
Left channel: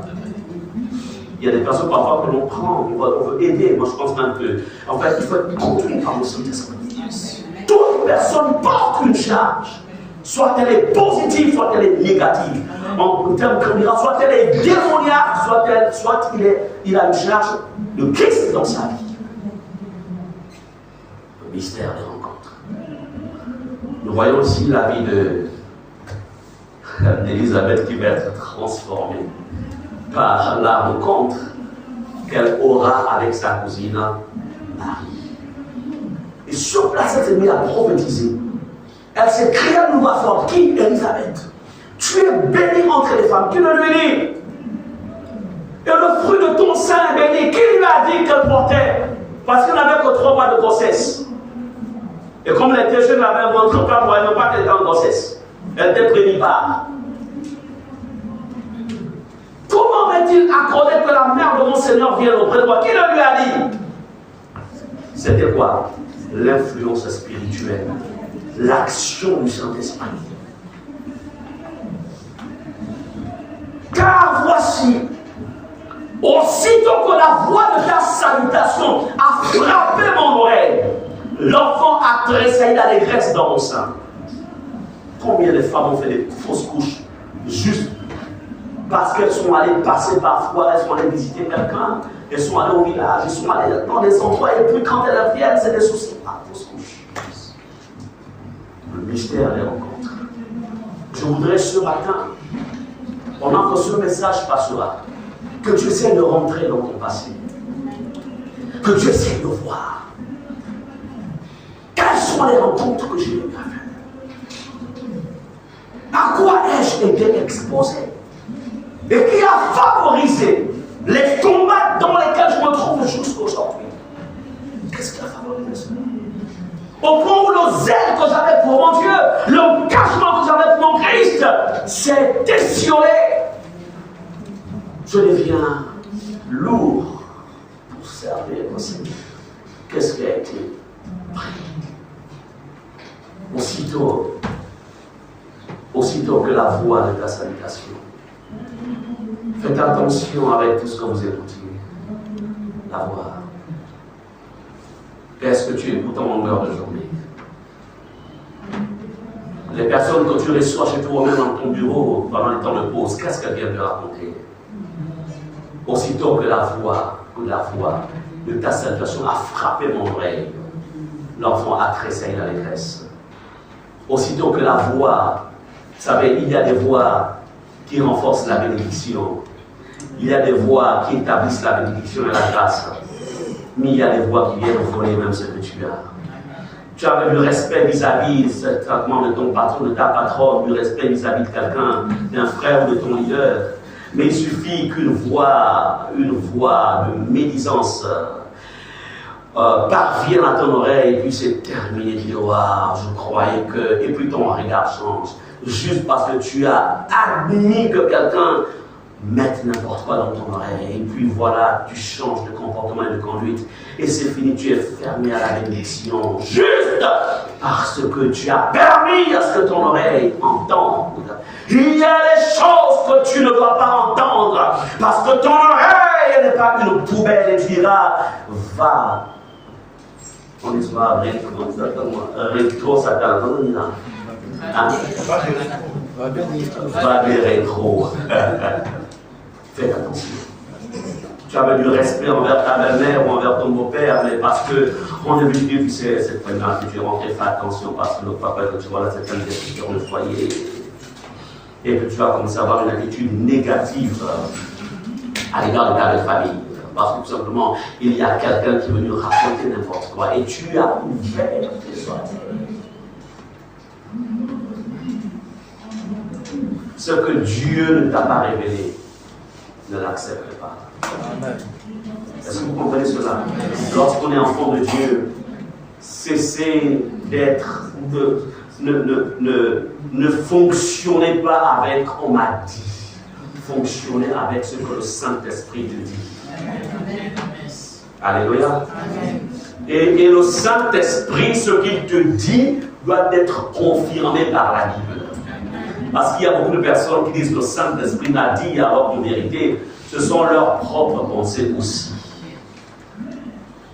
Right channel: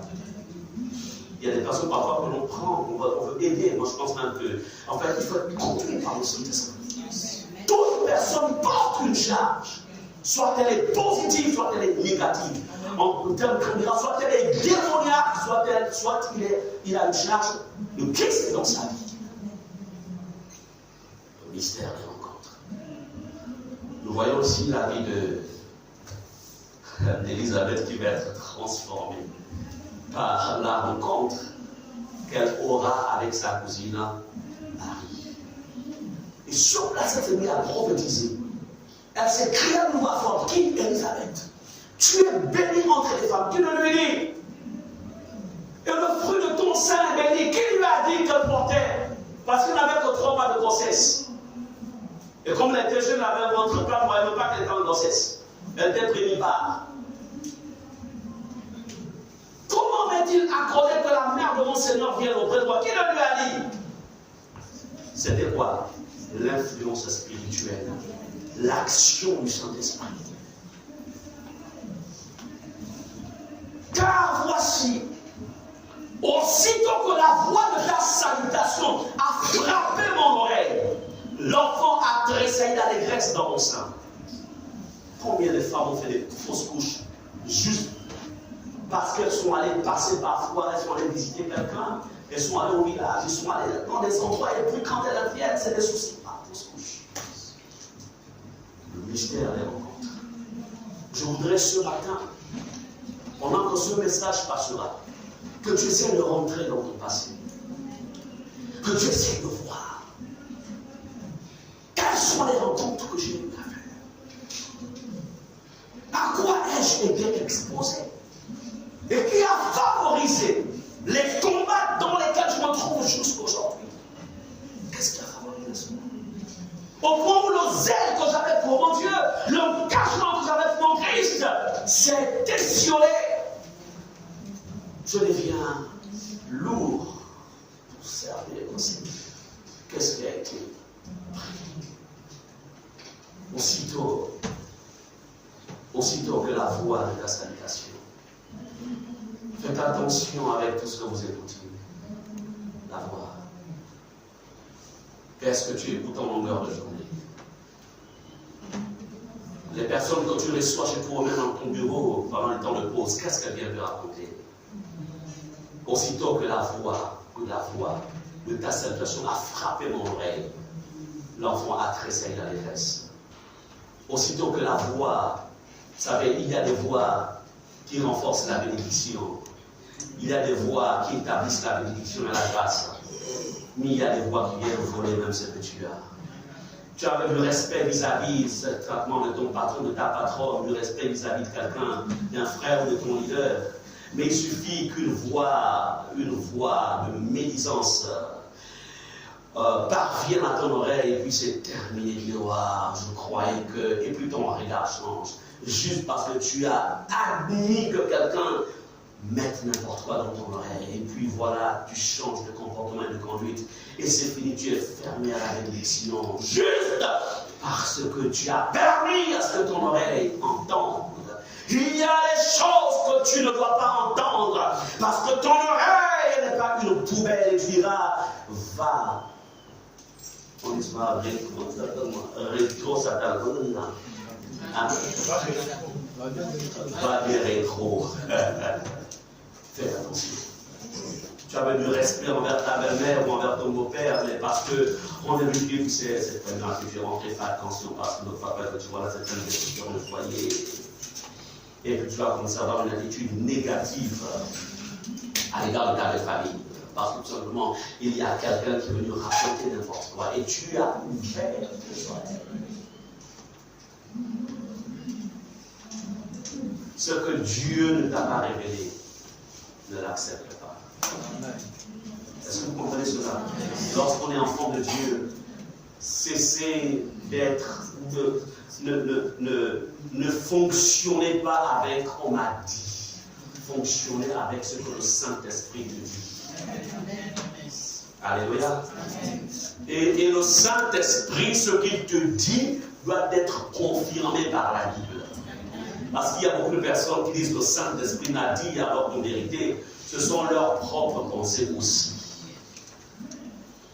Il y a des personnes parfois que l'on prend, on veut aider. Moi, je pense même que, en fait, il faut être conduit par le Saint-Esprit. Toute personne porte une charge. Soit elle est positive, soit elle est négative. En termes criminels, soit elle est démoniaque, soit il a une charge de Christ dans sa vie. Le mystère des rencontres. Nous voyons ici la vie d'Élisabeth qui va être transformée par la rencontre qu'elle aura avec sa cousine Marie. Et sur place, elle s'est mise à prophétiser. Elle s'est créée une nouvelle forme. Qui? Élisabeth. Tu es bénie entre les femmes. Qui le lui dit? Et le fruit de ton sein est béni. Qui lui a dit qu'elle portait? Parce qu'elle n'avait que 3 mois de grossesse. Et comme elle était jeune, elle avait un ventre plat, elle ne pas qu'elle était en grossesse. Elle était prémipare. Comment va-t-il accorder que la mère de mon Seigneur vienne auprès de moi? Qui le lui a dit? C'était quoi? L'influence spirituelle. L'action du Saint-Esprit. Car voici, aussitôt que la voix de ta salutation a frappé mon oreille, l'enfant a tressailli d'allégresse dans mon sein. Combien de femmes ont fait des fausses couches juste parce qu'elles sont allées passer parfois, elles sont allées visiter quelqu'un, elles sont allées au village, elles sont allées dans des endroits, et puis quand elles viennent, c'est des soucis. Fausse couche. Le mystère des rencontres. Je voudrais ce matin, pendant que ce message passera, que tu essaies de rentrer dans ton passé. Que tu essaies de voir. Quelles sont les rencontres que j'ai eues avec? À quoi ai-je été exposé? Et qui a favorisé les combats dans lesquels je me trouve jusqu'aujourd'hui? Qu'est-ce qui a favorisé cela? Au point où le zèle que j'avais pour mon Dieu, l'engagement que j'avais pour mon Christ, s'est étiolé. Je deviens lourd pour servir le Seigneur. Qu'est-ce qui a été pris? Aussitôt que la voix de ta salutation. Faites attention avec tout ce que vous écoutez. La voix. Qu'est-ce que tu écoutes en longueur de journée? Les personnes que tu reçois chez toi, même dans ton bureau, pendant les temps de pause, qu'est-ce qu'elles viennent te raconter? Aussitôt que la voix de ta salutation a frappé mon oreille, l'enfant a tressailli d'allégresse. Aussitôt que la voix, vous savez, il y a des voix qui renforcent la bénédiction. Il y a des voix qui établissent la bénédiction et la grâce. Mais il y a des voix qui viennent voler même ce que tu as. Tu avais du respect vis-à-vis du traitement de ton patron, de ta patronne, du respect vis-à-vis de quelqu'un, d'un frère ou de ton leader. Mais il suffit qu'une voix de médisance parvienne à ton oreille, et puis c'est terminé, tu dis, waouh, je croyais que. Et puis ton regard change. Juste parce que tu as admis que quelqu'un mette n'importe quoi dans ton oreille. Et puis voilà, tu changes de comportement et de conduite. Et c'est fini, tu es fermé à la bénédiction. Juste parce que tu as permis à ce que ton oreille entende. Il y a des choses que tu ne dois pas entendre. Parce que ton oreille n'est pas une poubelle. Et tu diras, va. On histoire, rétro, ça t'a entendu là. Va des rétro. Fais attention. tu avais du respect envers ta belle-mère ou envers ton beau-père, mais parce qu'on est venu, tu sais, cette première que tu es rentré, fais attention, parce que l'autre fois, que tu vois là, cette année sur le foyer, et que tu vas commencer à avoir une attitude négative à l'égard de ta belle famille. Parce que tout simplement, il y a quelqu'un qui est venu raconter n'importe quoi, et tu as ouvert tes oreilles. Ce que Dieu ne t'a pas révélé, ne l'accepte pas. Amen. Est-ce que vous comprenez cela? Lorsqu'on est enfant de Dieu, cessez d'être, ne fonctionnez pas avec on m'a dit. Fonctionnez avec ce que le Saint-Esprit te dit. Alléluia. Et le Saint-Esprit, ce qu'il te dit, doit être confirmé par la Bible. Parce qu'il y a beaucoup de personnes qui disent que le Saint-Esprit m'a dit, alors qu'en vérité, ce sont leurs propres pensées aussi.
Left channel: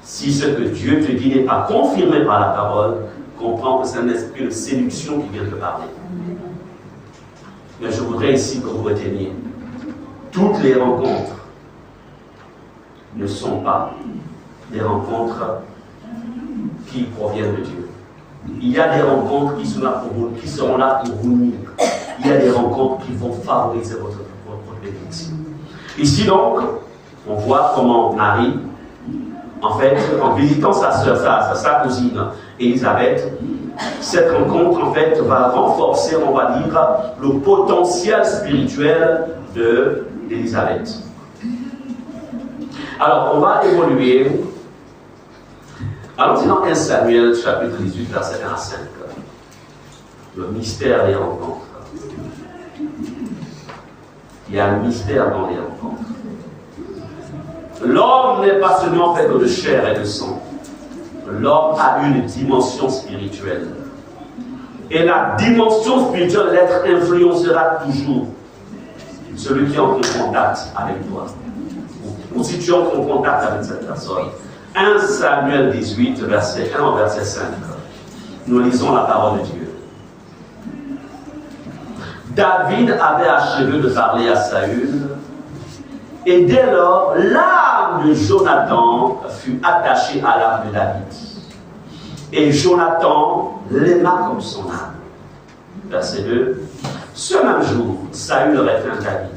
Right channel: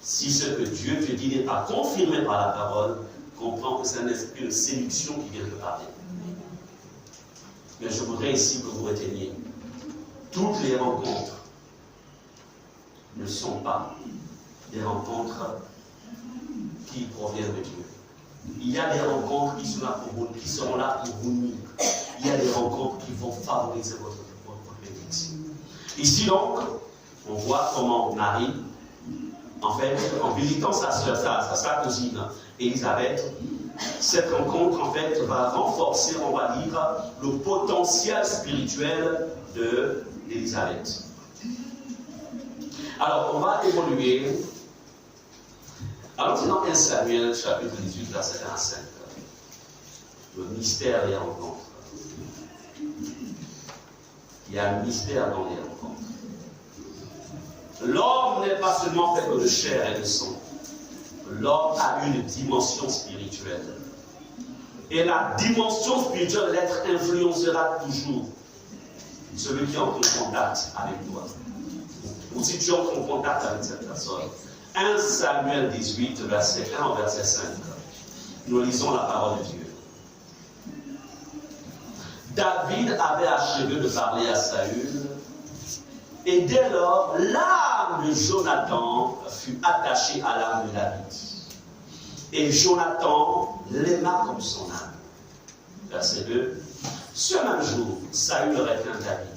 Si ce que Dieu te dit n'est pas confirmé par la parole, comprends que c'est un esprit de séduction qui vient te parler. Mais je voudrais ici que vous reteniez, toutes les rencontres ne sont pas des rencontres qui proviennent de Dieu. Il y a des rencontres qui seront là pour vous nuire. Il y a des rencontres qui vont favoriser votre bénédiction. Ici donc, on voit comment Marie, en fait, en visitant sa cousine Élisabeth, cette rencontre en fait va renforcer, on va dire, le potentiel spirituel d'Élisabeth. Alors, on va évoluer. Allons-y dans 1 Samuel, chapitre 18, verset 1 à 5. Le mystère des rencontres. Il y a un mystère dans les rencontres. L'homme n'est pas seulement fait que de chair et de sang. L'homme a une dimension spirituelle. Et la dimension spirituelle de l'être influencera toujours celui qui entre en contact avec toi. Ou si tu entres en contact avec cette personne. 1 Samuel 18, verset 1 au verset 5. Nous lisons la parole de Dieu. David avait achevé de parler à Saül, et dès lors, l'âme de Jonathan fut attachée à l'âme de David. Et Jonathan l'aima comme son âme. Verset 2. Ce même jour, Saül retint David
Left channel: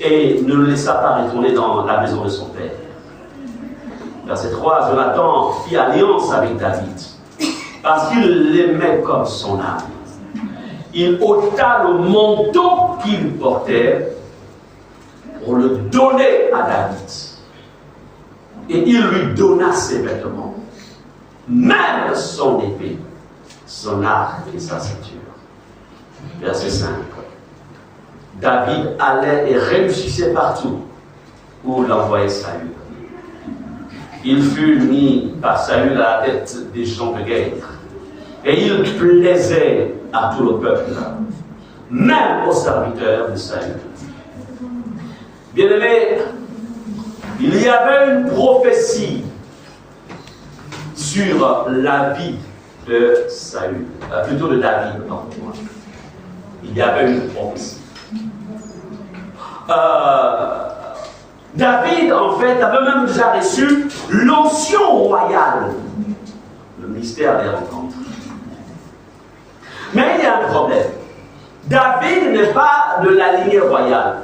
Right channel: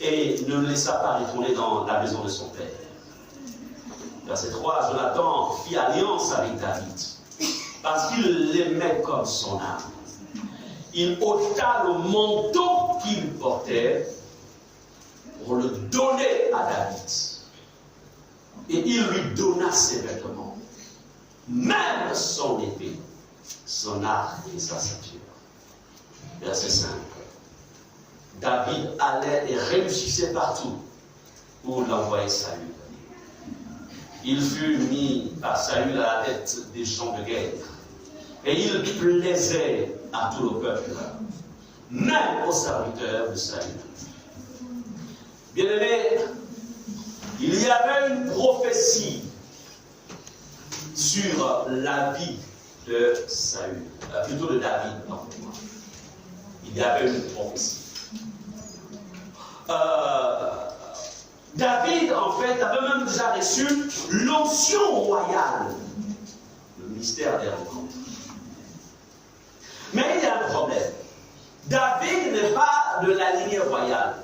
et ne le laissa pas retourner dans la maison de son père. Verset 3. Jonathan fit alliance avec David parce qu'il l'aimait comme son âme. Il ôta le manteau qu'il portait pour le donner à David. Et il lui donna ses vêtements, même son épée, son arc et sa ceinture. Verset 5. David allait et réussissait partout où l'envoyait Saül. Il fut mis par Saül à la tête des gens de guerre. Et il plaisait à tout le peuple, même aux serviteurs de Saül. Bien-aimés, il y avait une prophétie sur la vie de Saül, plutôt de David, pardon. Il y avait une prophétie. David, en fait, avait même déjà reçu l'onction royale, le mystère des rencontres. Mais il y a un problème. David n'est pas de la lignée royale.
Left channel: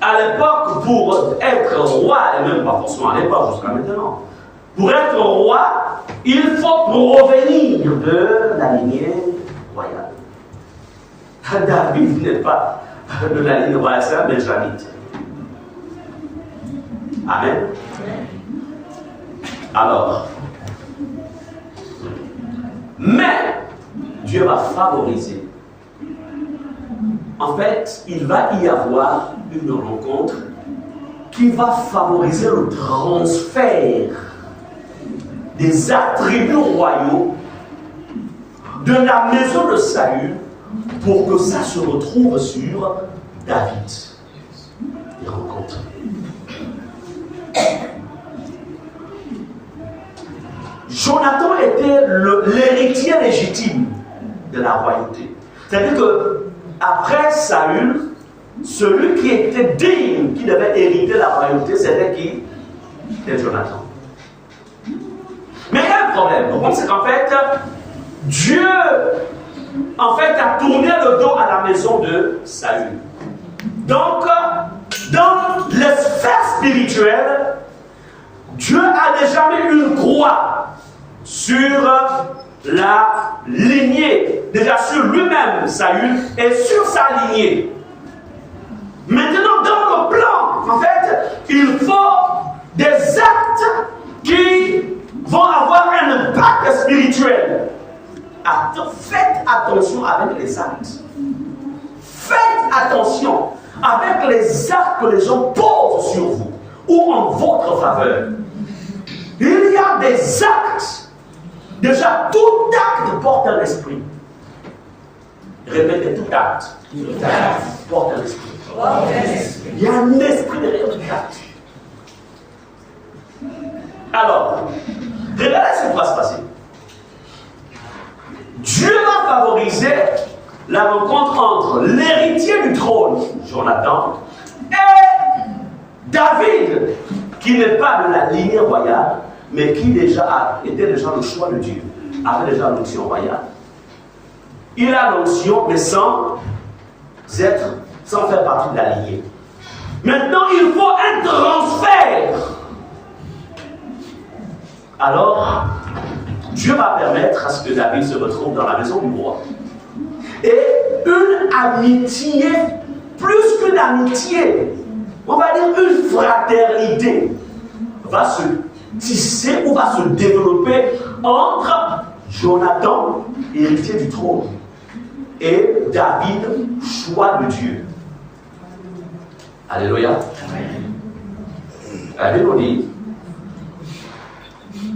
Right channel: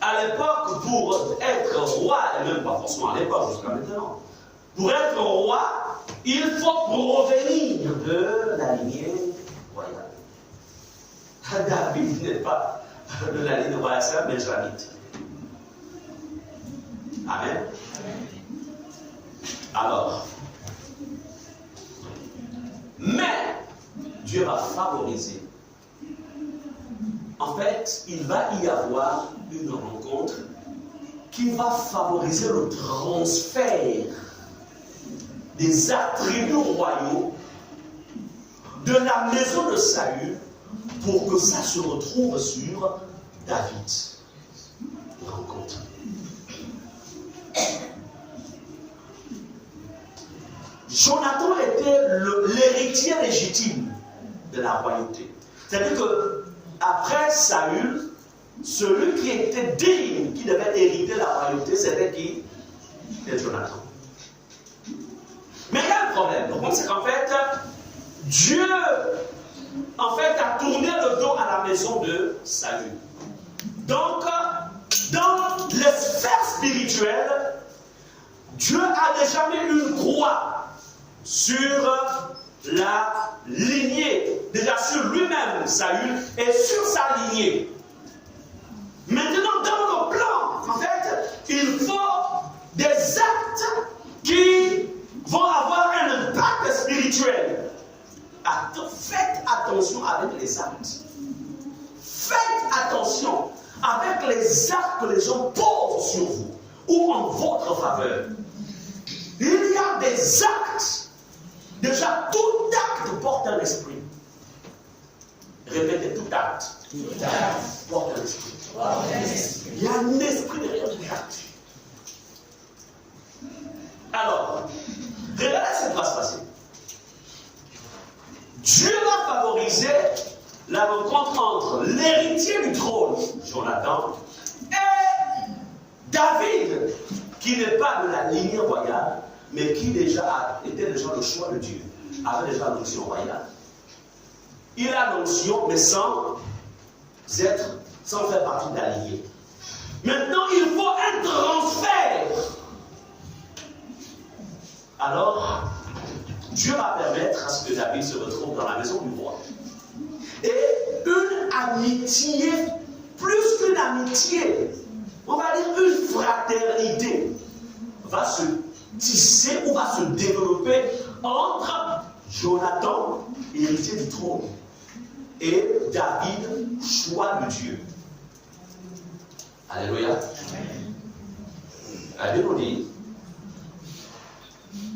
À l'époque, pour être roi, et même pas forcément à l'époque, jusqu'à maintenant, pour être roi, il faut provenir de la lignée royale. David n'est pas de la lignée royale, c'est un benjamite. Amen. Alors, mais Dieu va favoriser. En fait, il va y avoir une rencontre qui va favoriser le transfert des attributs royaux de la maison de Saül pour que ça se retrouve sur David. Des rencontres. Jonathan était l'héritier légitime de la royauté. C'est-à-dire que après Saül, celui qui était digne, qui devait hériter la royauté, c'était qui? C'était Jonathan. Mais il y a un problème. Le problème, c'est qu'en fait, Dieu a tourné le dos à la maison de Saül. Donc, dans les sphères spirituelles, Dieu a déjà mis une croix sur la lignée, déjà sur lui-même, Saül, et sur sa lignée. Maintenant, dans le plan, en fait, il faut des actes qui vont avoir un impact spirituel. Faites attention avec les actes. Faites attention avec les actes que les gens posent sur vous ou en votre faveur. Il y a des actes. Déjà, tout acte porte un esprit. Répétez, tout acte. Tout acte porte un esprit. Il y a un esprit derrière tout acte. Alors, regardez ce qui va se passer. Dieu va favoriser la rencontre entre l'héritier du trône, Jonathan, et David, qui n'est pas de la lignée royale, mais qui était déjà le choix de Dieu, avait déjà l'onction royale. Il a l'onction, mais sans faire partie de la lignée. Maintenant, il faut un transfert. Alors, Dieu va permettre à ce que David se retrouve dans la maison du roi. Et une amitié, plus qu'une amitié, on va dire une fraternité, va se tisser ou va se développer entre Jonathan, héritier du trône, et David, choix de Dieu. Alléluia. La Bible nous dit,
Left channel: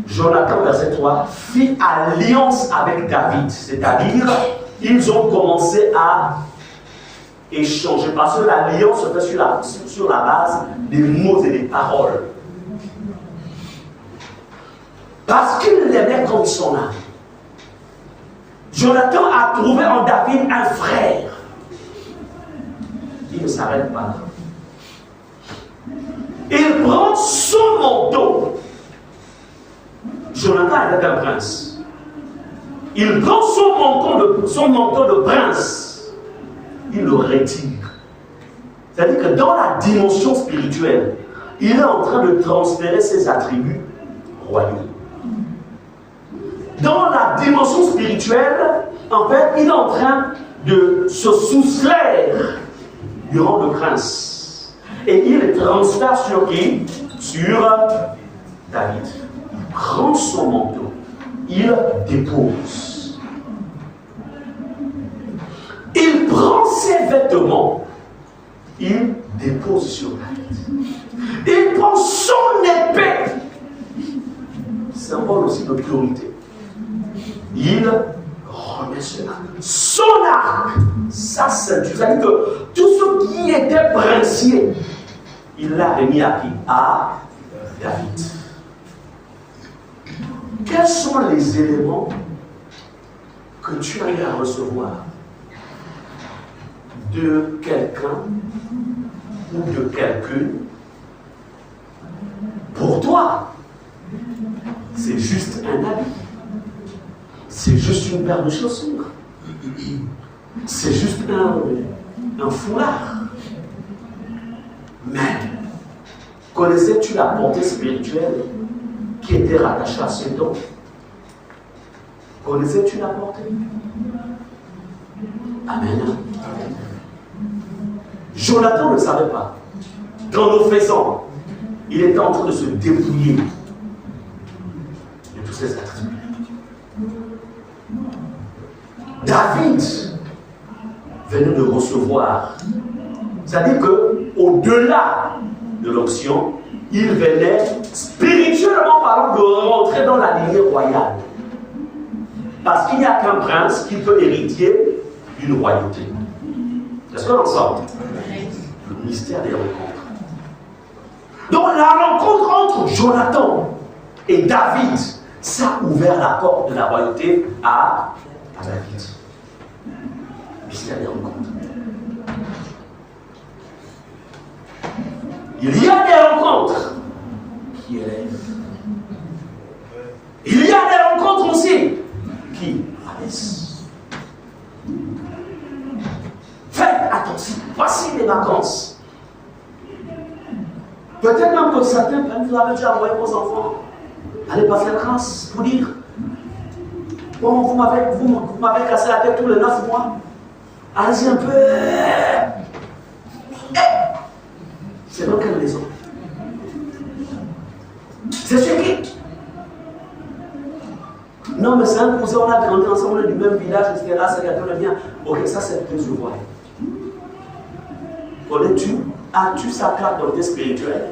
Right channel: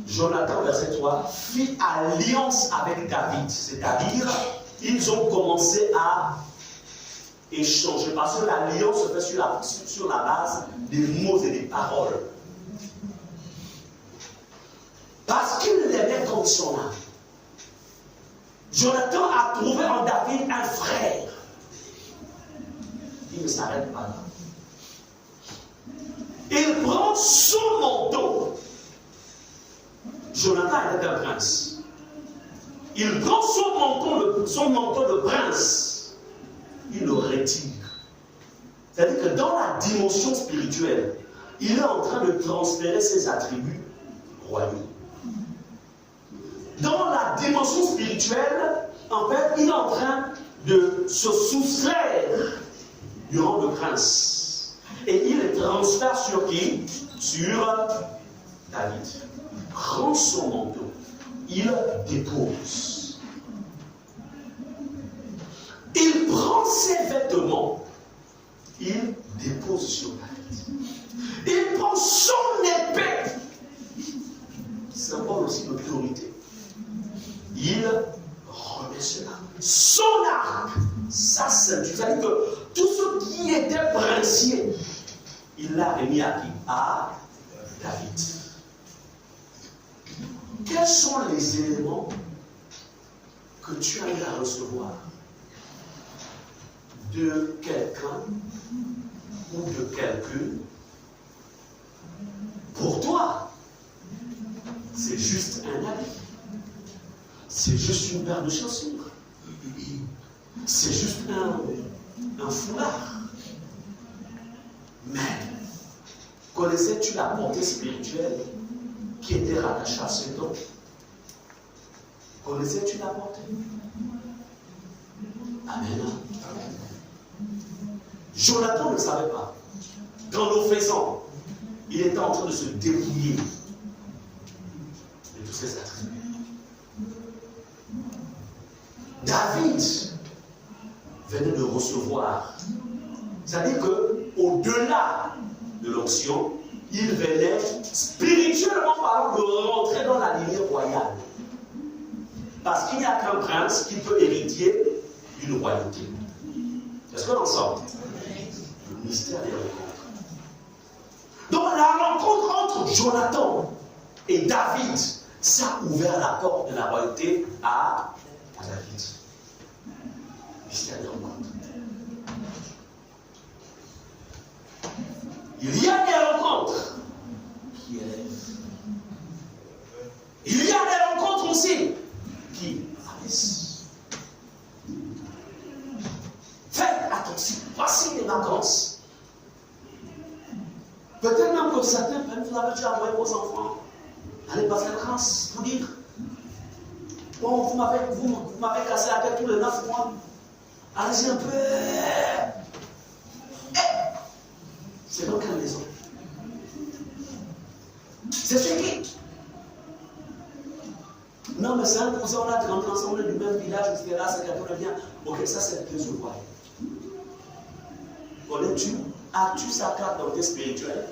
Jonathan, verset 3, fit alliance avec David, c'est-à-dire, ils ont commencé à échanger, parce que l'alliance se fait sur la base des mots et des paroles. Parce qu'il l'aimait comme son âme. Jonathan a trouvé en David un frère. Il ne s'arrête pas là. Il prend son manteau. Jonathan était un prince. Il prend son manteau de prince. Il le retire. C'est-à-dire que dans la dimension spirituelle, il est en train de transférer ses attributs royaux. Dans la dimension spirituelle, en fait, il est en train de se soustraire du rang de prince. Et il le transfère sur qui? Sur David. Il prend son manteau, il dépose. Il prend ses vêtements, il dépose sur David. Il prend son épée, symbole aussi d'autorité. Il remet cela. Son arc, sa ceinture. C'est-à-dire que tout ce qui était princier, il l'a remis à qui? À David. Quels sont les éléments que tu as eu à recevoir de quelqu'un ou de quelqu'une? Pour toi, c'est juste un habit. C'est juste une paire de chaussures. C'est juste un foulard. Mais, connaissais-tu la portée spirituelle qui était rattachée à ce don? Connaissais-tu la portée? Amen. Amen. Jonathan ne savait pas. Dans nos faisans, il était en train de se dépouiller de tous ses attributs. David venait de recevoir, c'est-à-dire qu'au-delà de l'onction, il venait, spirituellement parlant, de rentrer dans la lignée royale. Parce qu'il n'y a qu'un prince qui peut hériter d'une royauté. Est-ce qu'on ensemble? Le mystère des rencontres. Donc la rencontre entre Jonathan et David, ça a ouvert la porte de la royauté à David. Mystère des rencontres. Il y a des rencontres qui élèvent. Il y a des rencontres aussi qui rabaissent. Faites attention. Voici les vacances. Peut-être même que certains vous avez déjà envoyé vos enfants. Allez passer la grâce pour dire bon, vous m'avez cassé la tête tous les 9 mois. Allez-y un peu. C'est dans quelle maison? C'est chez qui? Non, mais c'est un cousin, on a grandi ensemble du même village, etc. C'est quelqu'un de bien. Ok, ça c'est plus ou moins. Connais-tu? As-tu sa carte d'identité spirituelle?